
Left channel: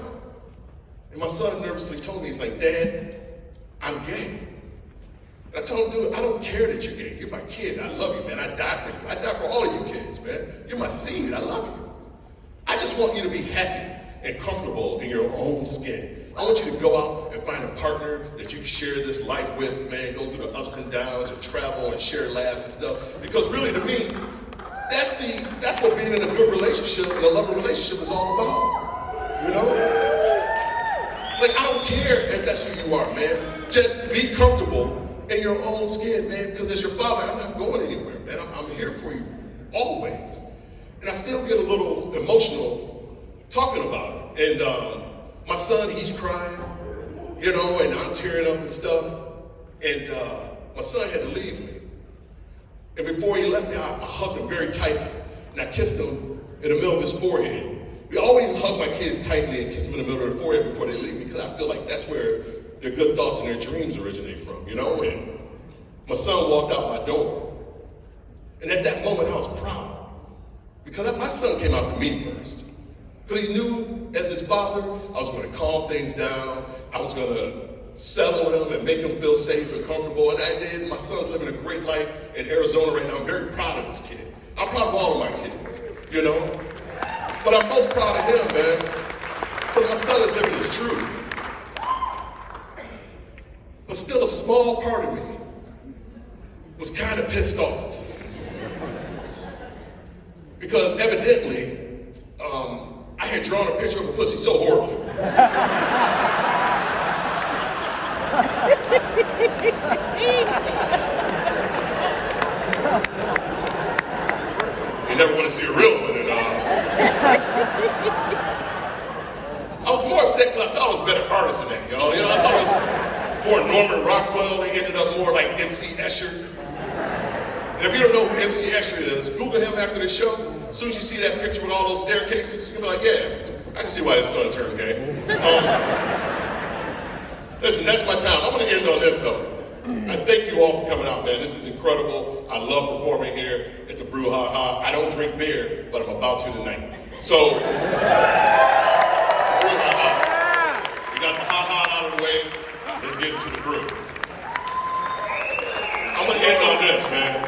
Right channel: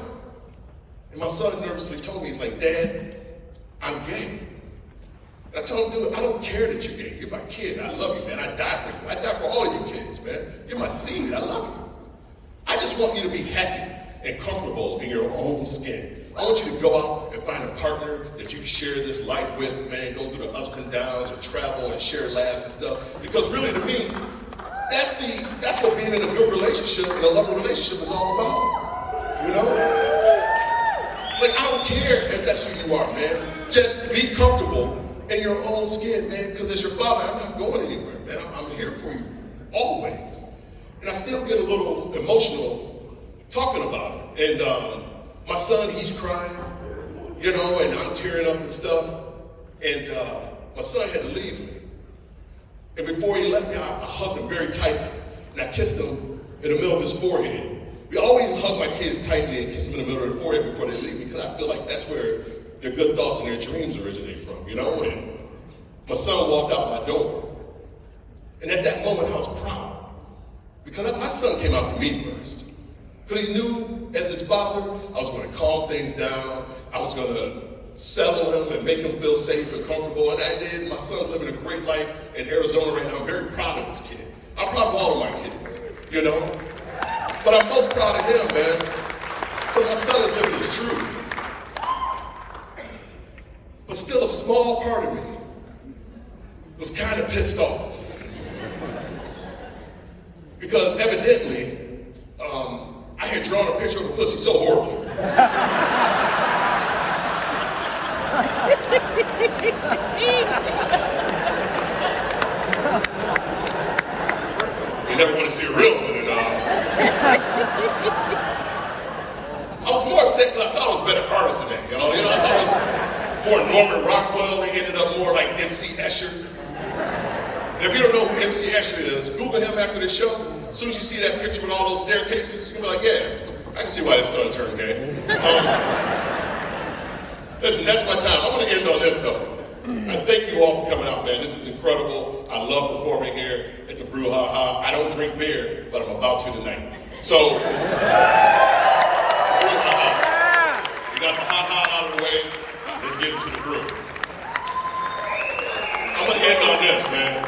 And my son nervously told me, he's like, Dad, I'm gay. And I told him, dude, I don't care that you're gay. You're my kid. I love you, man. I die for you. I die for all of you kids, man. You're my seed. I love you. I just want you to be happy and comfortable in your own skin. I want you to go out and find a partner that you can share this life with, man, go through the ups and downs and travel and share laughs and stuff. Because really, to me, that's what being in a good relationship and a loving relationship is all about. You know? Like, I don't care if that's who you are, man. Just be comfortable in your own skin, man, because as your father, I'm not going anywhere, man. I'm here for you always. And I still get a little emotional talking about it. And my son, he's crying, you know, and I'm tearing up and stuff. And my son had to leave me. And before he left me, I hugged him very tightly. And I kissed him in the middle of his forehead. We always hug my kids tightly and kiss them in the middle of their forehead before they leave me, because I feel like that's where their good thoughts and their dreams originate from, you know? And my son walked out my door. And at that moment, I was proud. Because my son came out to me first. Because he knew, as his father, I was going to calm things down. I was going to settle him and make him feel safe and comfortable. And I did. My son's living a great life in Arizona right now. I'm very proud of this kid. I'm proud of all of my kids, you know? But I'm most proud of him, man. Because my son is living his truth. But still, a small part of me was kind of pissed off. Because evidently, I had drawn a picture of a pussy so horrible. You never want to see a real one. And, I was more upset because I thought I was better artist than that, y'all. You know, I thought it was more Norman Rockwell. They ended up more like MC Escher. And if you don't know who MC Escher is, Google him after the show. As soon as you see that picture with all those staircases, you're like, yeah, I can see why this son turned gay. Listen, that's my time. I want to end on this, though. I thank you all for coming out, man. This is incredible. I love performing here at the Brew Ha Ha. I don't drink beer, but I'm about to tonight. So, Brew Ha Ha. We got the Ha Ha out of the way. Let's get into the brew. I'm going to end on this, man.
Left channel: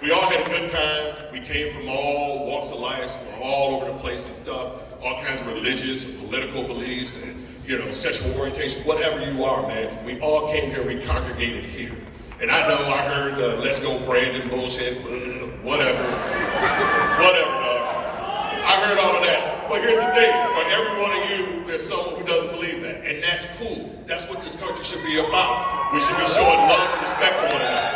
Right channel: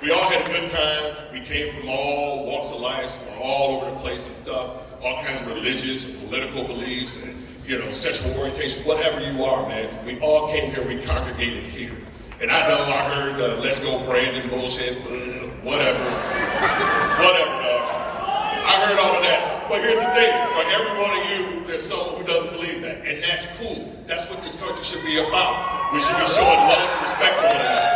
We all had a good time. We came from all walks of life, from all over the place and stuff, all kinds of religious and political beliefs and, you know, sexual orientation, whatever you are, man. We all came here, we congregated here. And I know I heard the let's go Brandon bullshit, whatever, dog. I heard all of that. But here's the thing, for every one of you, there's someone who doesn't believe that. And that's cool. That's what this country should be about. We should be showing love and respect to one another.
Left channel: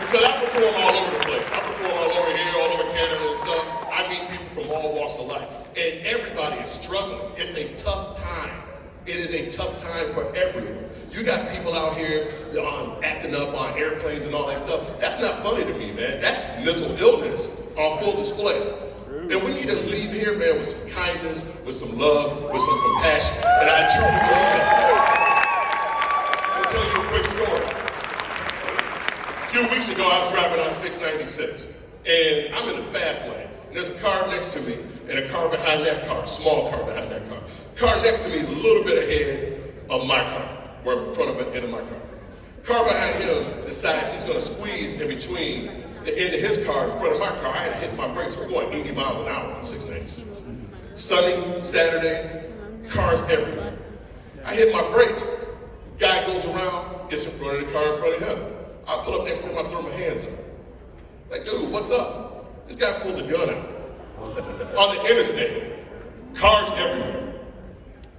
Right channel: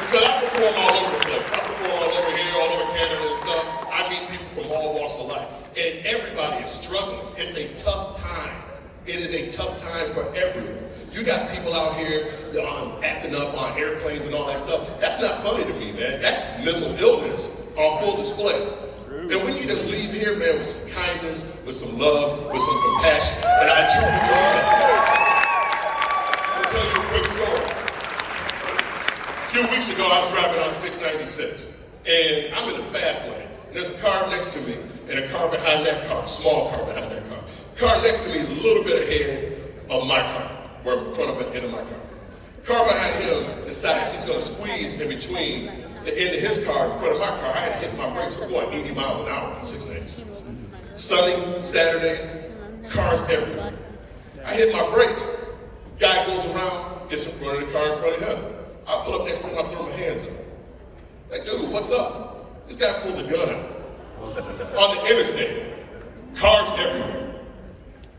Because I perform all over the place. I perform all over here, all over Canada and stuff. I meet people from all walks of life. And everybody is struggling. It's a tough time. It is a tough time for everyone. You got people out here acting up on airplanes and all that stuff. That's not funny to me, man. That's mental illness on full display. And we need to leave here, man, with some kindness, with some love, with some compassion. And I truly believe that. I'll tell you a quick story. A few weeks ago, I was driving on 696, and I'm in the fast lane. And there's a car next to me, and a car behind that car, a small car behind that car. Car next to me is a little bit ahead of my car, where in front of the end of my car. Car behind him decides he's going to squeeze in between the end of his car in front of my car. I had to hit my brakes. We're going 80 miles an hour on 696. Sunny, Saturday, cars everywhere. I hit my brakes. Guy goes around, gets in front of the car in front of him. I pull up next to him, I throw my hands up. Like, dude, what's up? This guy pulls a gun out on the interstate. Cars everywhere.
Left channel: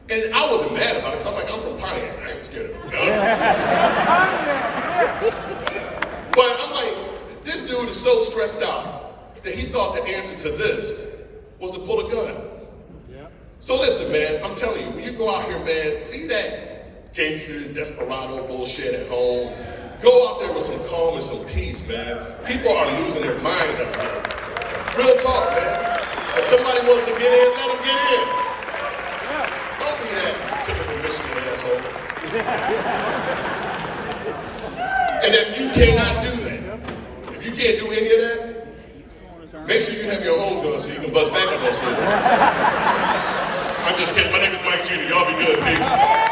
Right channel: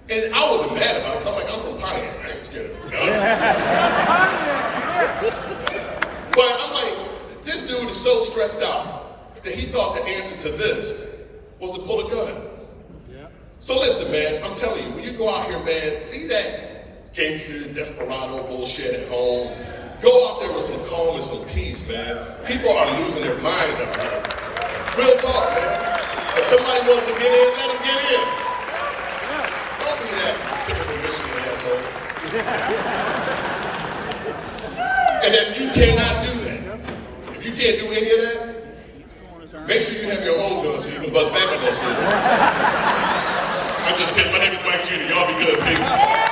And I wasn't mad about it, so I'm like, I'm from Pontiac. I ain't scared of a gun. But I'm like, this dude is so stressed out that he thought the answer to this was to pull a gun out. So listen, man, I'm telling you, when you go out here, man, leave that gangster, desperado bullshit at home. Go out there with some calm and some peace, man. People are losing their minds out here. Real talk, man. If somebody wants to get in, let them get in. Don't be that typical Michigan asshole. And if you cannot do that, if you can't do any of that, make sure you have your own gun so you can bust back on that shit. I'm just kidding. My name is Mike Jeter. Y'all be good, peace.